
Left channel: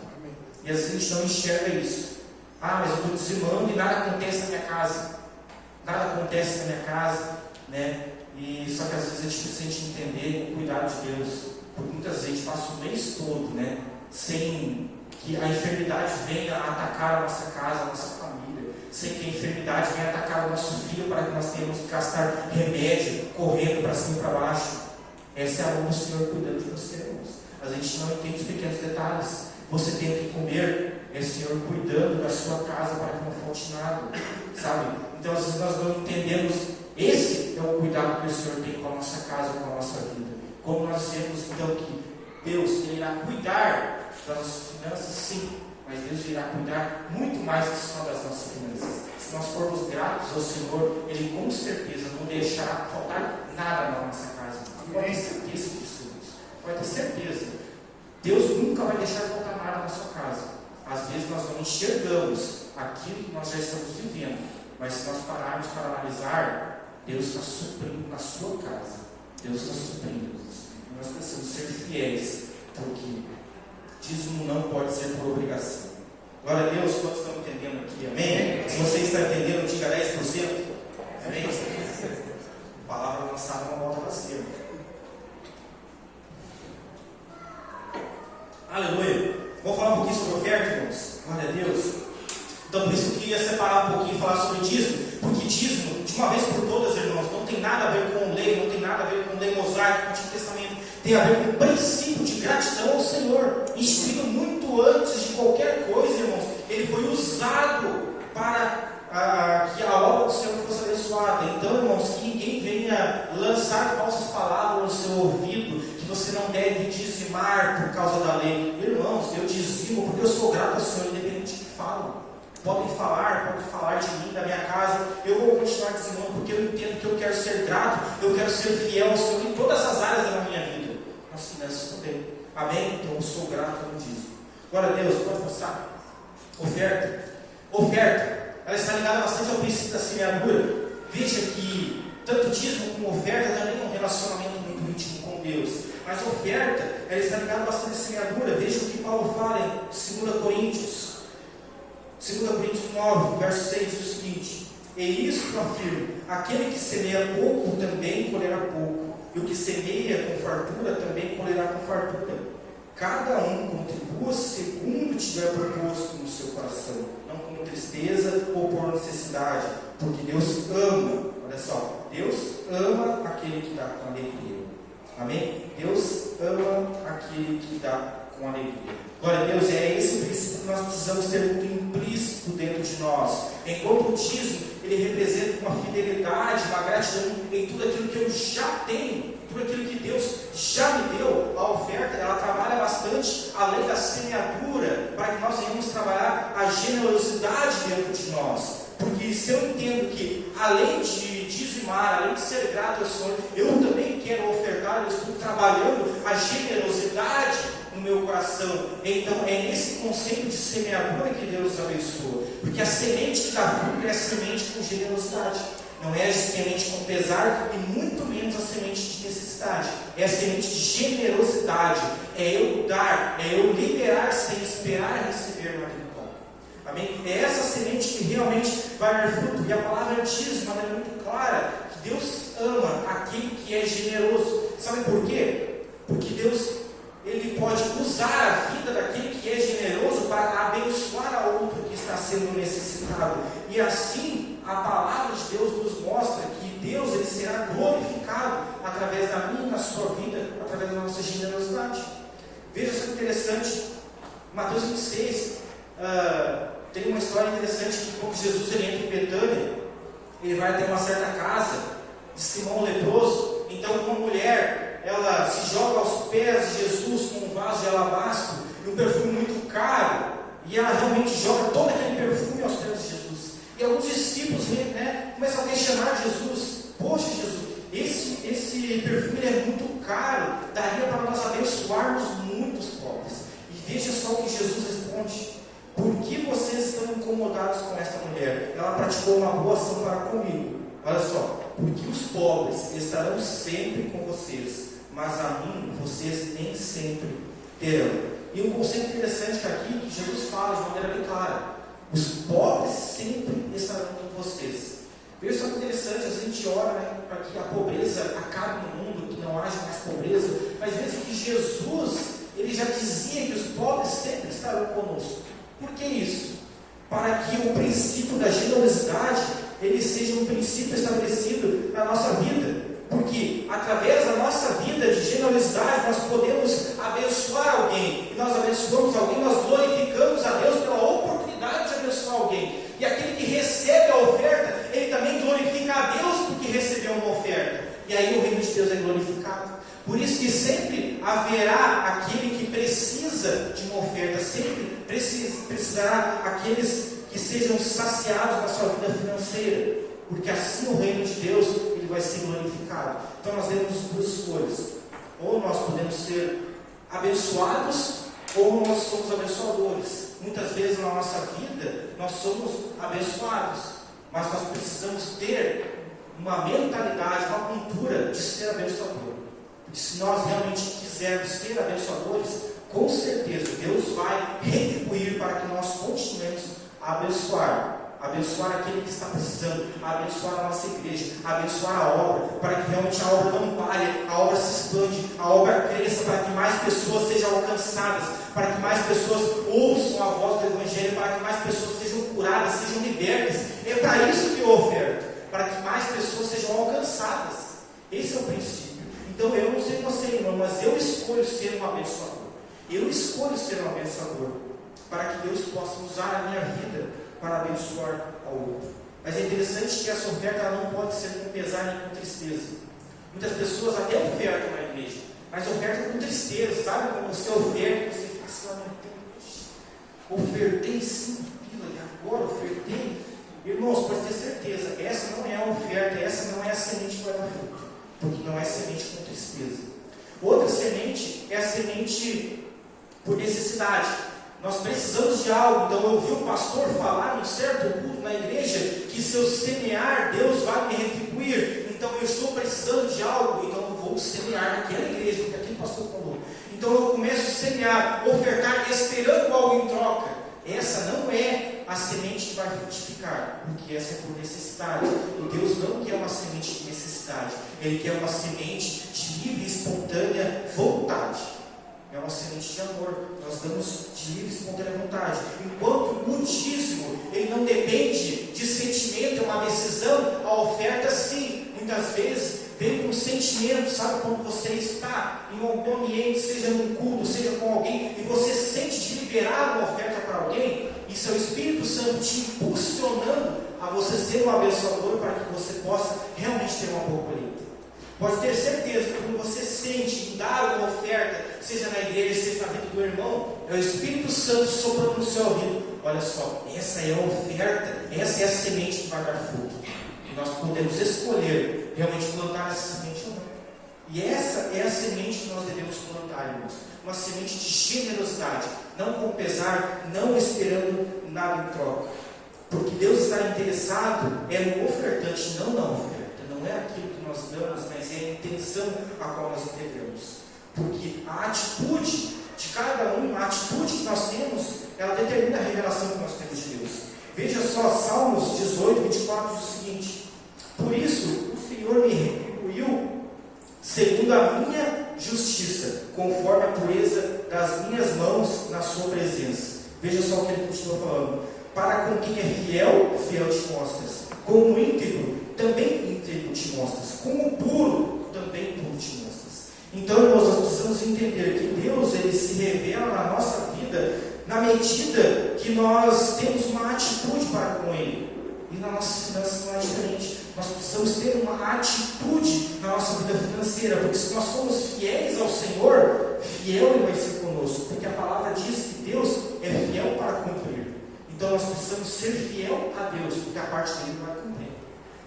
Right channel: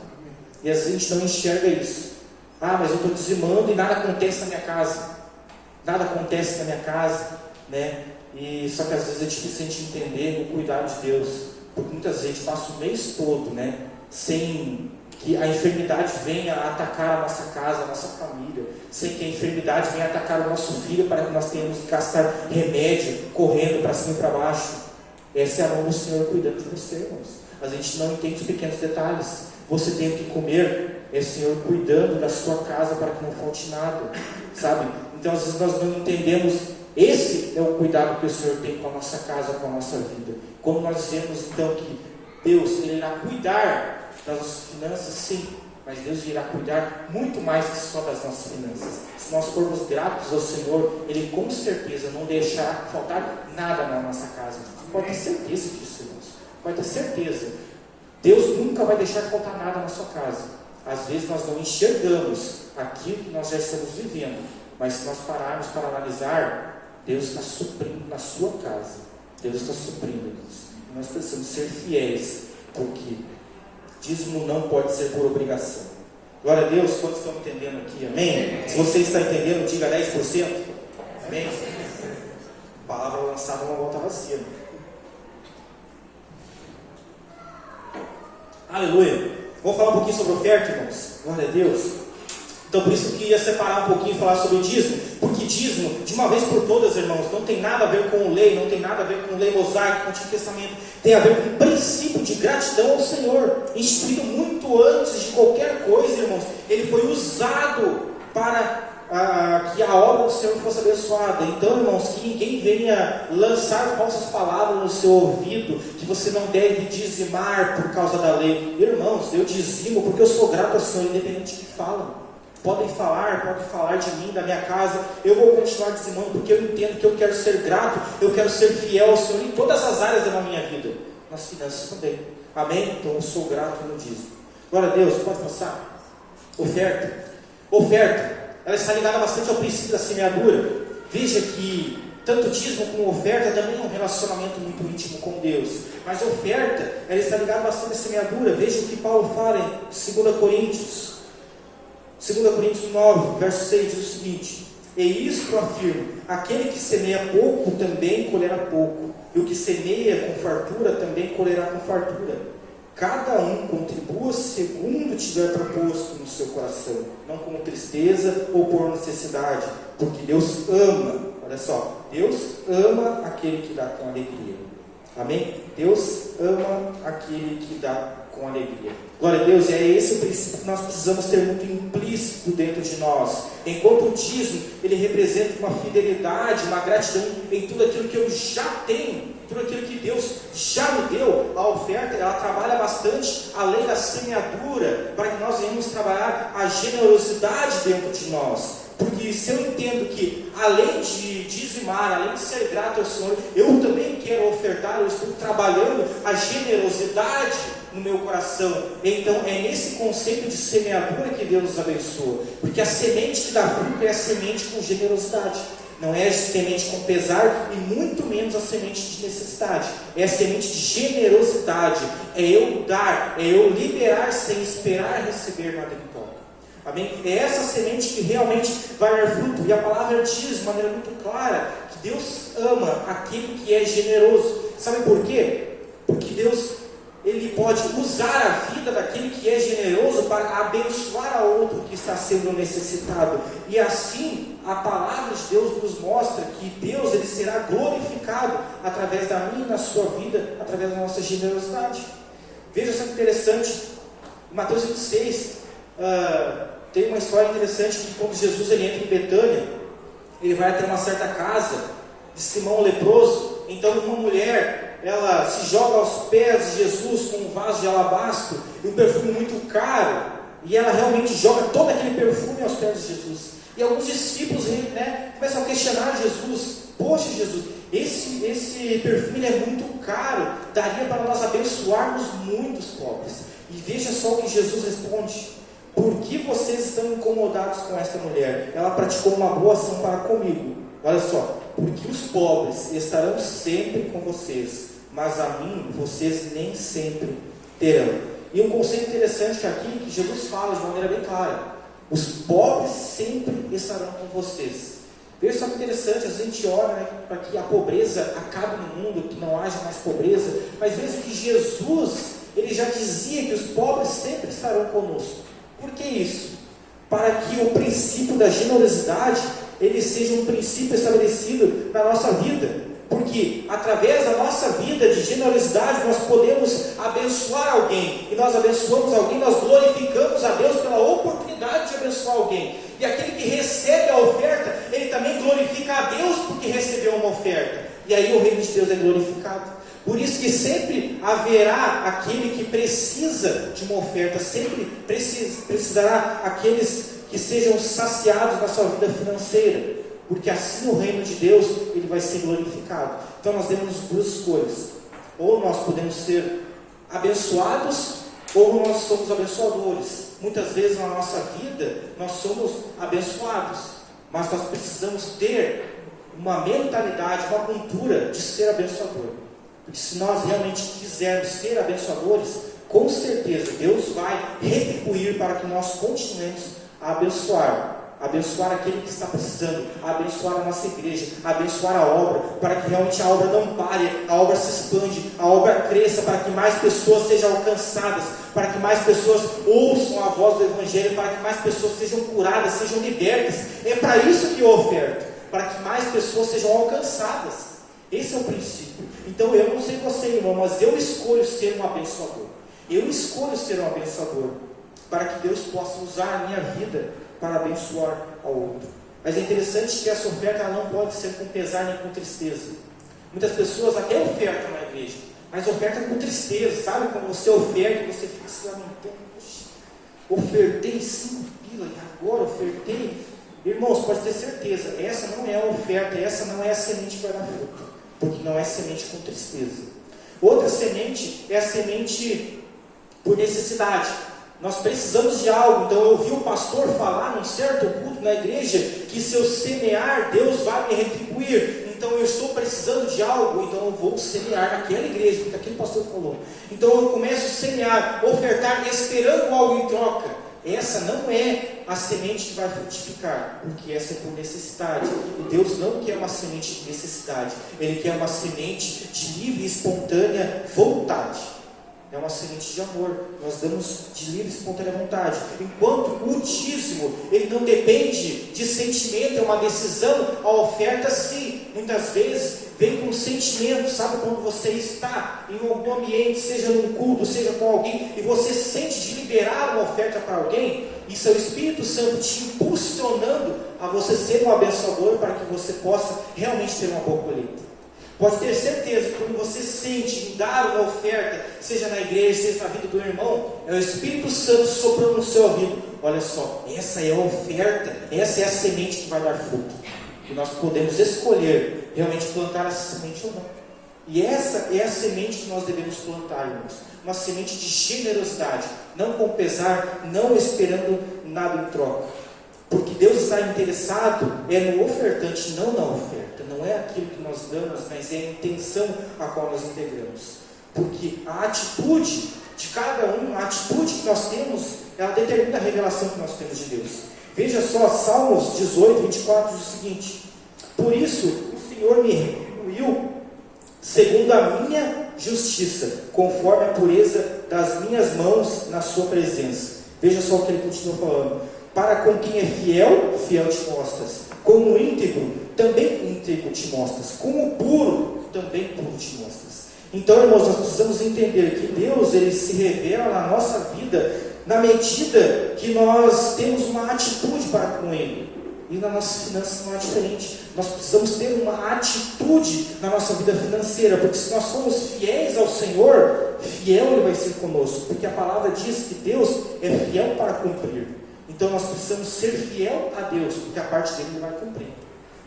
E às vezes a gente não enxerga isso. Mas eu estou dizimando e nada acontece na minha casa. Nada acontece na minha casa, né? E só que às vezes é difícil a gente entender o cuidado de Deus, porque muitas vezes a gente passa o mês todo, né, sem que a enfermidade venha atacar a nossa casa, a nossa família, sem que a enfermidade venha atacar o nosso filho para que nós tenhamos que gastar remédio, correndo para cima e para baixo. Essa é a mão do Senhor cuidando de você, irmãos. A gente não entende os pequenos detalhes. Você tem que comer, é o Senhor cuidando da sua casa para que não falte nada, sabe? Então às vezes nós não entendemos. Esse é o cuidado que o Senhor tem com a nossa casa, com a nossa vida. Como nós dizemos então que Deus Ele irá cuidar das nossas finanças, sim, mas Deus irá cuidar muito mais que só das nossas finanças. Se nós formos gratos ao Senhor, Ele com certeza não deixará faltar nada na nossa casa. Você pode ter certeza disso, irmãos. Pode ter certeza. Deus nunca vai deixar faltar nada na sua casa. Às vezes nós não enxergamos aquilo que nós já estamos vivendo, mas se nós pararmos para analisar, Deus está suprindo na sua casa. Deus está suprindo. Nós precisamos ser fiéis, porque dízimo não pode ser por obrigação. Glória a Deus, quantos estão entendendo aqui? Amém? Se você está entendendo, diga 10%. Amém? A palavra lançada não volta vazia. Aleluia. Vamos falar um pouquinho sobre oferta, irmãos. Glória a Deus. Então por isso eu queria separar um pouquinho e falar sobre dízimo, porque dízimo, de uma vez por todas, irmãos, não tem nada a ver com lei, não tem nada a ver com lei mosaica, com o Antigo Testamento, tem a ver com o princípio de gratidão ao Senhor, instituído muito antes de qualquer coisa, irmãos. Ele foi usado para que a obra do Senhor fosse abençoada. Então, irmãos, que ninguém venha lançar falsas palavras no seu ouvido, que você não deve dizimar por causa da lei. Irmãos, eu dizimo porque eu sou grato ao Senhor, independente de que falam. Podem falar de mim, da minha casa, eu vou continuar dizimando, porque eu entendo que eu quero ser grato, eu quero ser fiel ao Senhor em todas as áreas da minha vida, nas finanças também. Amém? Então eu sou grato no dízimo. Glória a Deus, pode passar. Oferta, ela está ligada bastante ao princípio da semeadura. Veja que tanto dízimo como oferta também é um relacionamento muito íntimo com Deus. Mas oferta, ela está ligada bastante à semeadura. Veja o que Paulo fala em 2 Coríntios 9, verso 6, diz o seguinte: e isto eu afirmo, aquele que semeia pouco também colherá pouco, e o que semeia com fartura também colherá com fartura. Cada um contribua segundo tiver proposto no seu coração, não com tristeza ou por necessidade, porque Deus ama, olha só, Deus ama aquele que dá com alegria. Amém? Deus ama aquele que dá com alegria. Glória a Deus, é esse o princípio que nós precisamos ter muito implícito dentro de nós. Enquanto o dízimo, ele representa uma fidelidade, uma gratidão em tudo aquilo que eu já tenho, tudo aquilo que Deus já me deu. A oferta, ela trabalha bastante além da semeadura, para que nós venhamos trabalhar a generosidade dentro de nós. Porque se eu entendo que além de dizimar, além de ser grato ao Senhor, eu também quero ofertar, eu estou trabalhando a generosidade no meu coração. Então é nesse conceito de semeadura que Deus nos abençoa, porque a semente que dá fruto é a semente com generosidade, não é a semente com pesar e muito menos a semente de necessidade, é a semente de generosidade, é eu dar, é eu liberar sem esperar receber nada de volta. Amém? É essa semente que realmente vai dar fruto, e a palavra diz de maneira muito clara que Deus ama aquele que é generoso. Sabe por quê? Porque Deus, Ele pode usar a vida daquele que é generoso para abençoar a outro que está sendo necessitado. E assim, a palavra de Deus nos mostra que Deus, Ele será glorificado através da minha e na sua vida, através da nossa generosidade. Veja só que interessante, Mateus 26, tem uma história interessante que quando Jesus ele entra em Betânia, ele vai até uma certa casa de Simão o leproso. Então uma mulher, ela se joga aos pés de Jesus com um vaso de alabastro e um perfume muito caro, e ela realmente joga todo aquele perfume aos pés de Jesus. E alguns discípulos começam a questionar Jesus: poxa Jesus, esse perfume é muito caro, daria para nós abençoarmos muitos pobres. E veja só o que Jesus responde: por que vocês estão incomodados com esta mulher? Ela praticou uma boa ação para comigo. Olha só, porque os pobres estarão sempre com vocês, mas a mim vocês nem sempre terão. E um conceito interessante aqui, que Jesus fala de maneira bem clara: os pobres sempre estarão com vocês. Veja só que interessante, a gente ora, né, para que a pobreza acabe no mundo, que não haja mais pobreza, mas veja que Jesus, ele já dizia que os pobres sempre estarão conosco. Por que isso? Para que o princípio da generosidade, ele seja um princípio estabelecido na nossa vida. Porque através da nossa vida de generosidade nós podemos abençoar alguém. E nós abençoamos alguém, nós glorificamos a Deus pela oportunidade de abençoar alguém. E aquele que recebe a oferta, ele também glorifica a Deus porque recebeu uma oferta. E aí o reino de Deus é glorificado. Por isso que sempre haverá aquele que precisa de uma oferta, sempre precisará aqueles que sejam saciados na sua vida financeira. Porque assim o reino de Deus ele vai ser glorificado. Então nós temos duas escolhas: ou nós podemos ser abençoados, ou nós somos abençoadores. Muitas vezes na nossa vida nós somos abençoados, mas nós precisamos ter uma mentalidade, uma cultura de ser abençoador. Porque se nós realmente quisermos ser abençoadores, com certeza Deus vai retribuir para que nós continuemos a abençoar aquele que está precisando, abençoar a nossa igreja, abençoar a obra, para que realmente a obra não pare, a obra se expande, a obra cresça, para que mais pessoas sejam alcançadas, para que mais pessoas ouçam a voz do Evangelho, para que mais pessoas sejam curadas, sejam libertas. É para isso que eu oferto, para que mais pessoas sejam alcançadas. Esse é o princípio. Então eu não sei você, irmão, mas eu escolho ser um abençoador. Eu escolho ser um abençoador, para que Deus possa usar a minha vida para abençoar ao outro. Mas é interessante que essa oferta ela não pode ser com pesar nem com tristeza. Muitas pessoas até ofertam na igreja, mas ofertam com tristeza. Sabe quando você oferta e você fica se lamentando? Ofertei 5 pila e agora ofertei. Irmãos, pode ter certeza, essa não é a oferta, essa não é a semente que vai dar fruto, porque não é semente com tristeza. Outra semente é a semente por necessidade. Nós precisamos de algo. Então eu ouvi o pastor falar num certo culto na igreja que se eu semear, Deus vai me retribuir. Então eu estou precisando de algo, então eu vou semear naquela igreja, porque aquele pastor falou. Então eu começo a semear, ofertar, esperando algo em troca. Essa não é a semente que vai frutificar, porque essa é por necessidade. E Deus não quer uma semente de necessidade, Ele quer uma semente de livre e espontânea vontade. É uma semente de amor. Nós damos de livre e espontânea vontade. Enquanto o dízimo, ele não depende de sentimento, é uma decisão. A oferta sim, muitas vezes vem com sentimento. Sabe quando você está em algum ambiente, seja num culto, seja com alguém, e você sente de liberar uma oferta para alguém? Isso é o Espírito Santo te impulsionando a você ser um abençoador, para que você possa realmente ter uma boa colheita. Pode ter certeza que quando você sente em dar uma oferta, seja na igreja, seja na vida do irmão, é o Espírito Santo soprando no seu ouvido: olha só, essa é a oferta, essa é a semente que vai dar fruto. E nós podemos escolher realmente plantar essa semente ou não. E essa é a semente que nós devemos plantar, irmãos. Uma semente de generosidade, não com pesar, não esperando nada em troca. Porque Deus está interessado no ofertante, não na oferta. Não é aquilo que nós damos, mas é a intenção a qual nós integramos. Porque a atitude de cada um, a atitude que nós temos, ela determina a revelação que nós temos de Deus. Veja só, Salmos 18, 24 diz o seguinte: por isso o Senhor me retribuiu segundo a minha justiça, conforme a pureza das minhas mãos na sua presença. Veja só o que ele continua falando: para com quem é fiel, fiel te mostras. Como íntegro, também íntegro te mostras. Como puro, também puro te mostras. Então, irmãos, nós precisamos entender que Deus, Ele se revela na nossa vida na medida que nós temos uma atitude para com Ele. E nas nossas finanças não é diferente. Nós precisamos ter uma atitude na nossa vida financeira, porque se nós somos fiéis ao Senhor, fiel Ele vai ser conosco, porque a palavra diz que Deus é fiel para cumprir. Então nós precisamos ser fiel a Deus, porque a parte dele Ele vai cumprir.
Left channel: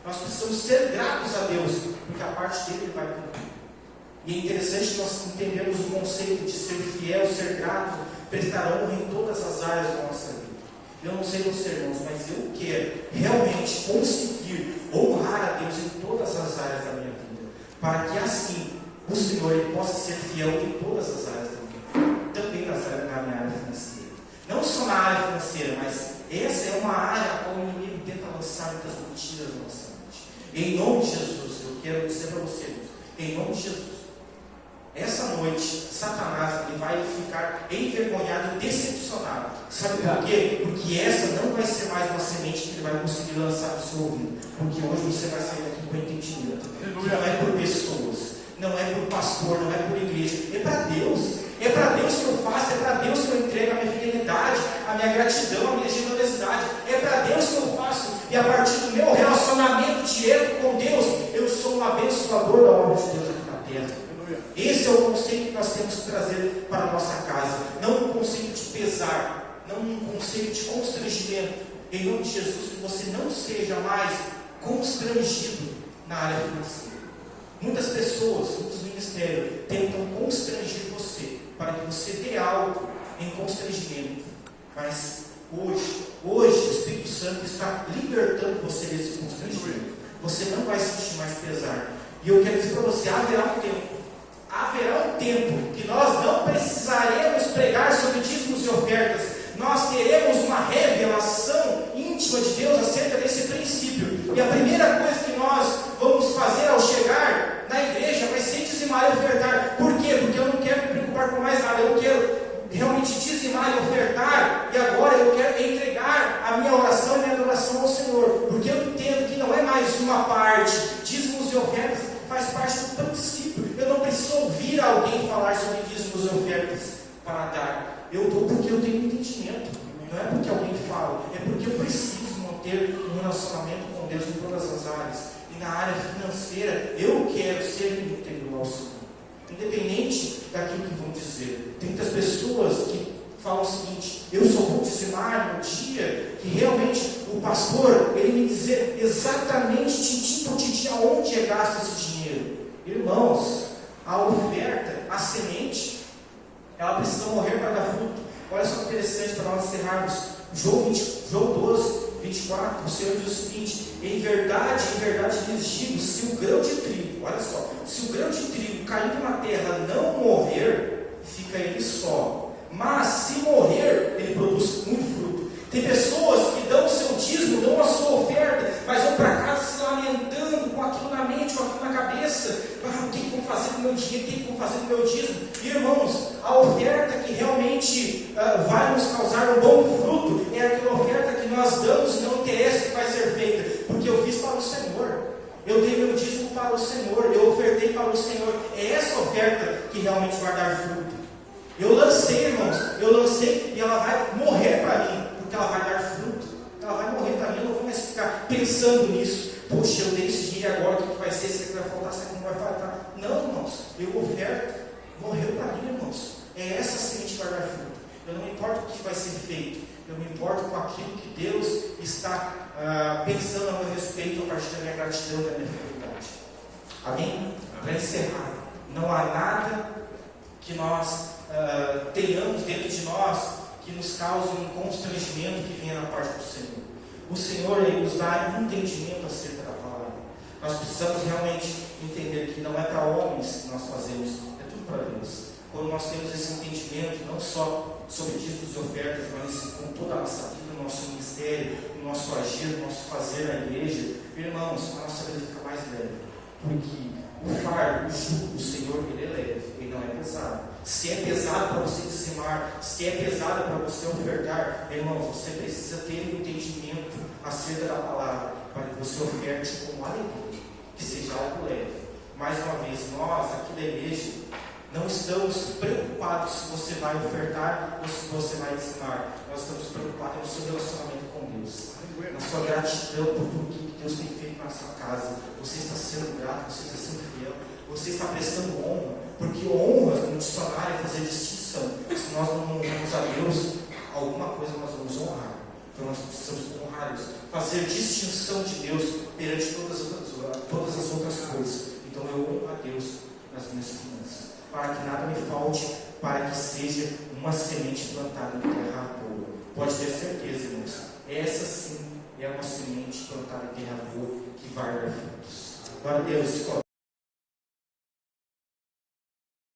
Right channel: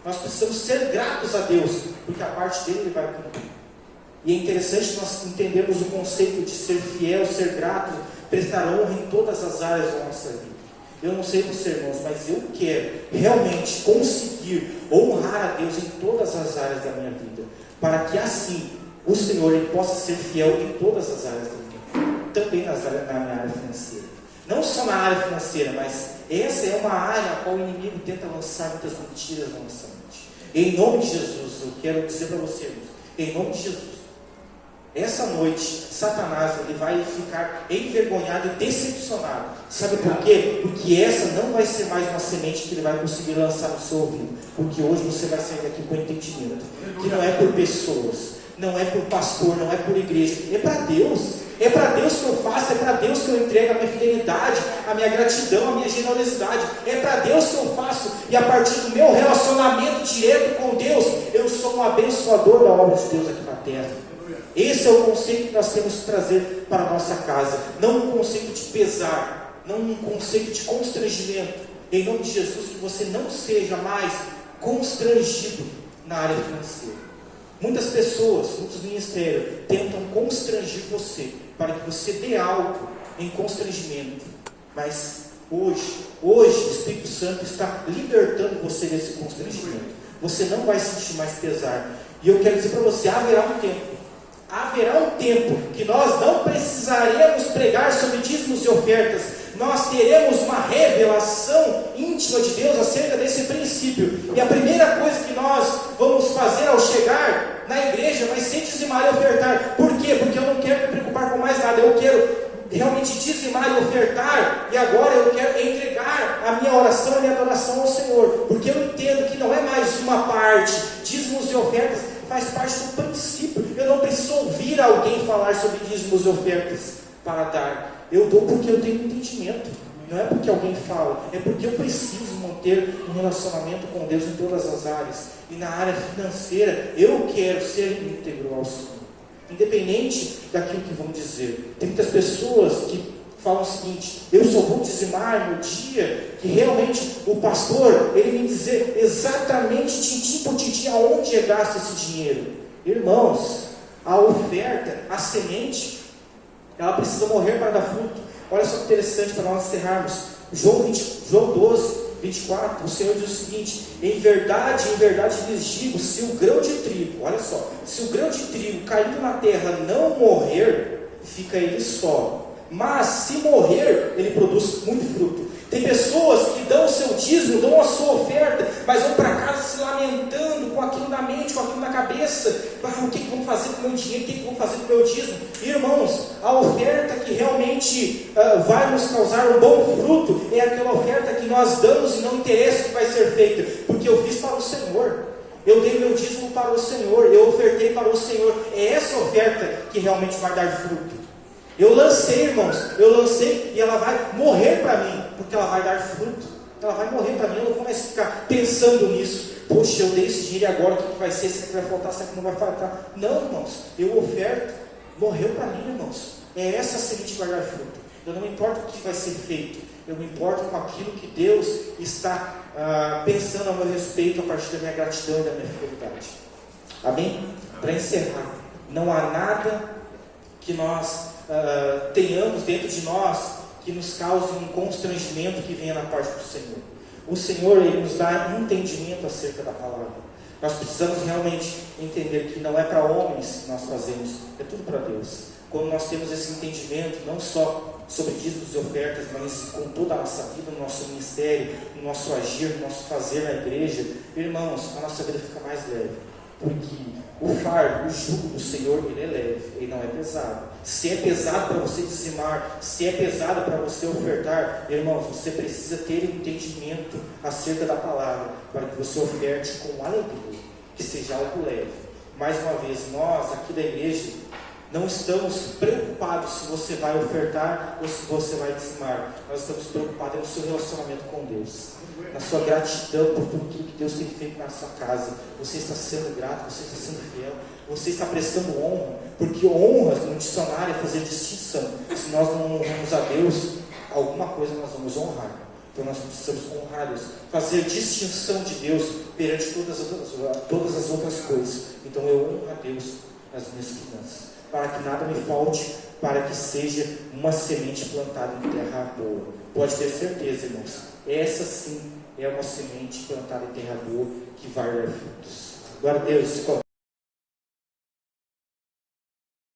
Nós precisamos ser gratos a Deus, porque a parte dele Ele vai cumprir. E é interessante nós entendermos o conceito de ser fiel, ser grato, prestar honra em todas as áreas da nossa vida. Eu não sei você, irmãos, mas eu quero realmente conseguir honrar a Deus em todas as áreas da minha vida, para que assim o Senhor ele possa ser fiel em todas as áreas da minha vida, também na minha área financeira. Não só na área financeira, mas essa é uma área na qual o inimigo tenta lançar muitas mentiras na nossa mente. Em nome de Jesus, eu quero dizer para você, irmãos, em nome de Jesus, essa noite, Satanás ele vai ficar envergonhado e decepcionado. Sabe por quê? Porque essa não vai ser mais uma semente que ele vai conseguir lançar no seu ouvido. Porque hoje você vai sair daqui com entendimento. Que não é por pessoas, não é por pastor, não é por igreja. É para Deus. É para Deus que eu faço, é para Deus que eu entrego a minha fidelidade, a minha gratidão, a minha generosidade. É para Deus que eu faço. E a partir do meu relacionamento direto com Deus, eu sou um abençoador da obra de Deus aqui na terra. Esse é o conceito que nós temos que trazer para a nossa casa. Não um conceito de pesar, não um conceito de constrangimento. Em nome de Jesus, que você não seja mais constrangido na área financeira. Muitas pessoas, muitos ministérios tentam constranger você para que você dê algo em constrangimento. Mas hoje o Espírito Santo está libertando você desse constrangimento. Você não vai sentir mais pesar. E eu quero dizer para você, haverá um tempo que nós não precisaremos pregar sobre dízimos e ofertas. Nós teremos uma revelação íntima de Deus acerca desse princípio. E a primeira coisa que nós vamos fazer ao chegar na igreja vai ser dizimar e ofertar. Por quê? Porque eu não quero me preocupar com mais nada. Eu quero realmente dizimar e ofertar. E agora eu quero entregar a minha oração e a minha adoração ao Senhor. Porque eu entendo que não é mais uma parte. Dízimos e ofertas faz parte do princípio. Eu não preciso ouvir alguém falar sobre dízimos e ofertas para dar. Eu dou porque eu tenho entendimento. Não é porque alguém fala, é porque eu preciso manter um relacionamento com Deus em todas as áreas. E na área financeira, eu quero ser íntegro ao Senhor, independente daquilo que vão dizer. Tem muitas pessoas que falam o seguinte: eu só vou dizimar no dia que realmente o pastor ele me dizer exatamente tintim por tintim aonde é gasto esse dinheiro. Irmãos, a oferta, a semente, ela precisa morrer para dar fruto. Olha só que interessante para nós encerrarmos. João 12, 24, o Senhor diz o seguinte: em verdade lhes digo, se o grão de trigo, olha só, se o grão de trigo caindo na terra não morrer, fica ele só, mas se morrer, ele produz muito fruto. Tem pessoas que dão o seu dízimo, dão a sua oferta, mas vão para casa se lamentando com aquilo na mente, com aquilo na cabeça. O que vão fazer com o meu dinheiro? O que vão fazer com o meu dízimo? Irmãos, a oferta que realmente vai nos causar um bom fruto é aquela oferta que nós damos e não interessa o que vai ser feita, porque eu fiz para o Senhor. Eu dei meu dízimo para o Senhor, eu ofertei para o Senhor. É essa oferta que realmente vai dar fruto. Eu lancei, irmãos, e ela vai morrer para mim, porque ela vai dar fruto. Ela vai morrer para mim, eu não vou mais ficar pensando nisso. Poxa, eu dei esse dinheiro agora, o que vai ser? Será que vai faltar? Será que não vai faltar? Não, irmãos, eu oferto, morreu para mim, irmãos. É essa semente que vai dar fruto. Eu não me importo com o que vai ser feito, eu me importo com aquilo que Deus está pensando a meu respeito a partir da minha gratidão e da minha fidelidade. Amém? Para encerrar, não há nada que nós tenhamos dentro de nós que nos cause um constrangimento que venha da parte do Senhor. O Senhor ele nos dá entendimento acerca da palavra. Nós precisamos realmente entender que não é para homens que nós fazemos, é tudo para Deus. Quando nós temos esse entendimento, não só sobre dízimos e ofertas, mas com toda a nossa vida, no nosso ministério, no nosso agir, no nosso fazer na igreja, irmãos, a nossa vida fica mais leve. Porque o fardo, o jugo do Senhor, ele é leve, ele não é pesado. Se é pesado para você dizimar, se é pesado para você ofertar, irmãos, você precisa ter um entendimento acerca da palavra, para que você oferte com alegria, que seja algo leve. Mais uma vez, nós aqui da igreja não estamos preocupados se você vai ofertar ou se você vai dizimar. Nós estamos preocupados no seu relacionamento com Deus, na sua gratidão por tudo que Deus tem feito na sua casa. Você está sendo grato, você está sendo fiel, você está prestando honra, porque honra no dicionário é fazer distinção. Se nós não honramos a Deus, alguma coisa nós vamos honrar. Então nós precisamos honrar Deus, fazer distinção de Deus perante todas as outras coisas. Então eu honro a Deus nas minhas finanças. para que nada me falte, para que seja uma semente plantada em terra boa. Pode ter certeza, irmãos, essa sim é uma semente plantada em terra boa que vai dar frutos. Glória a Deus.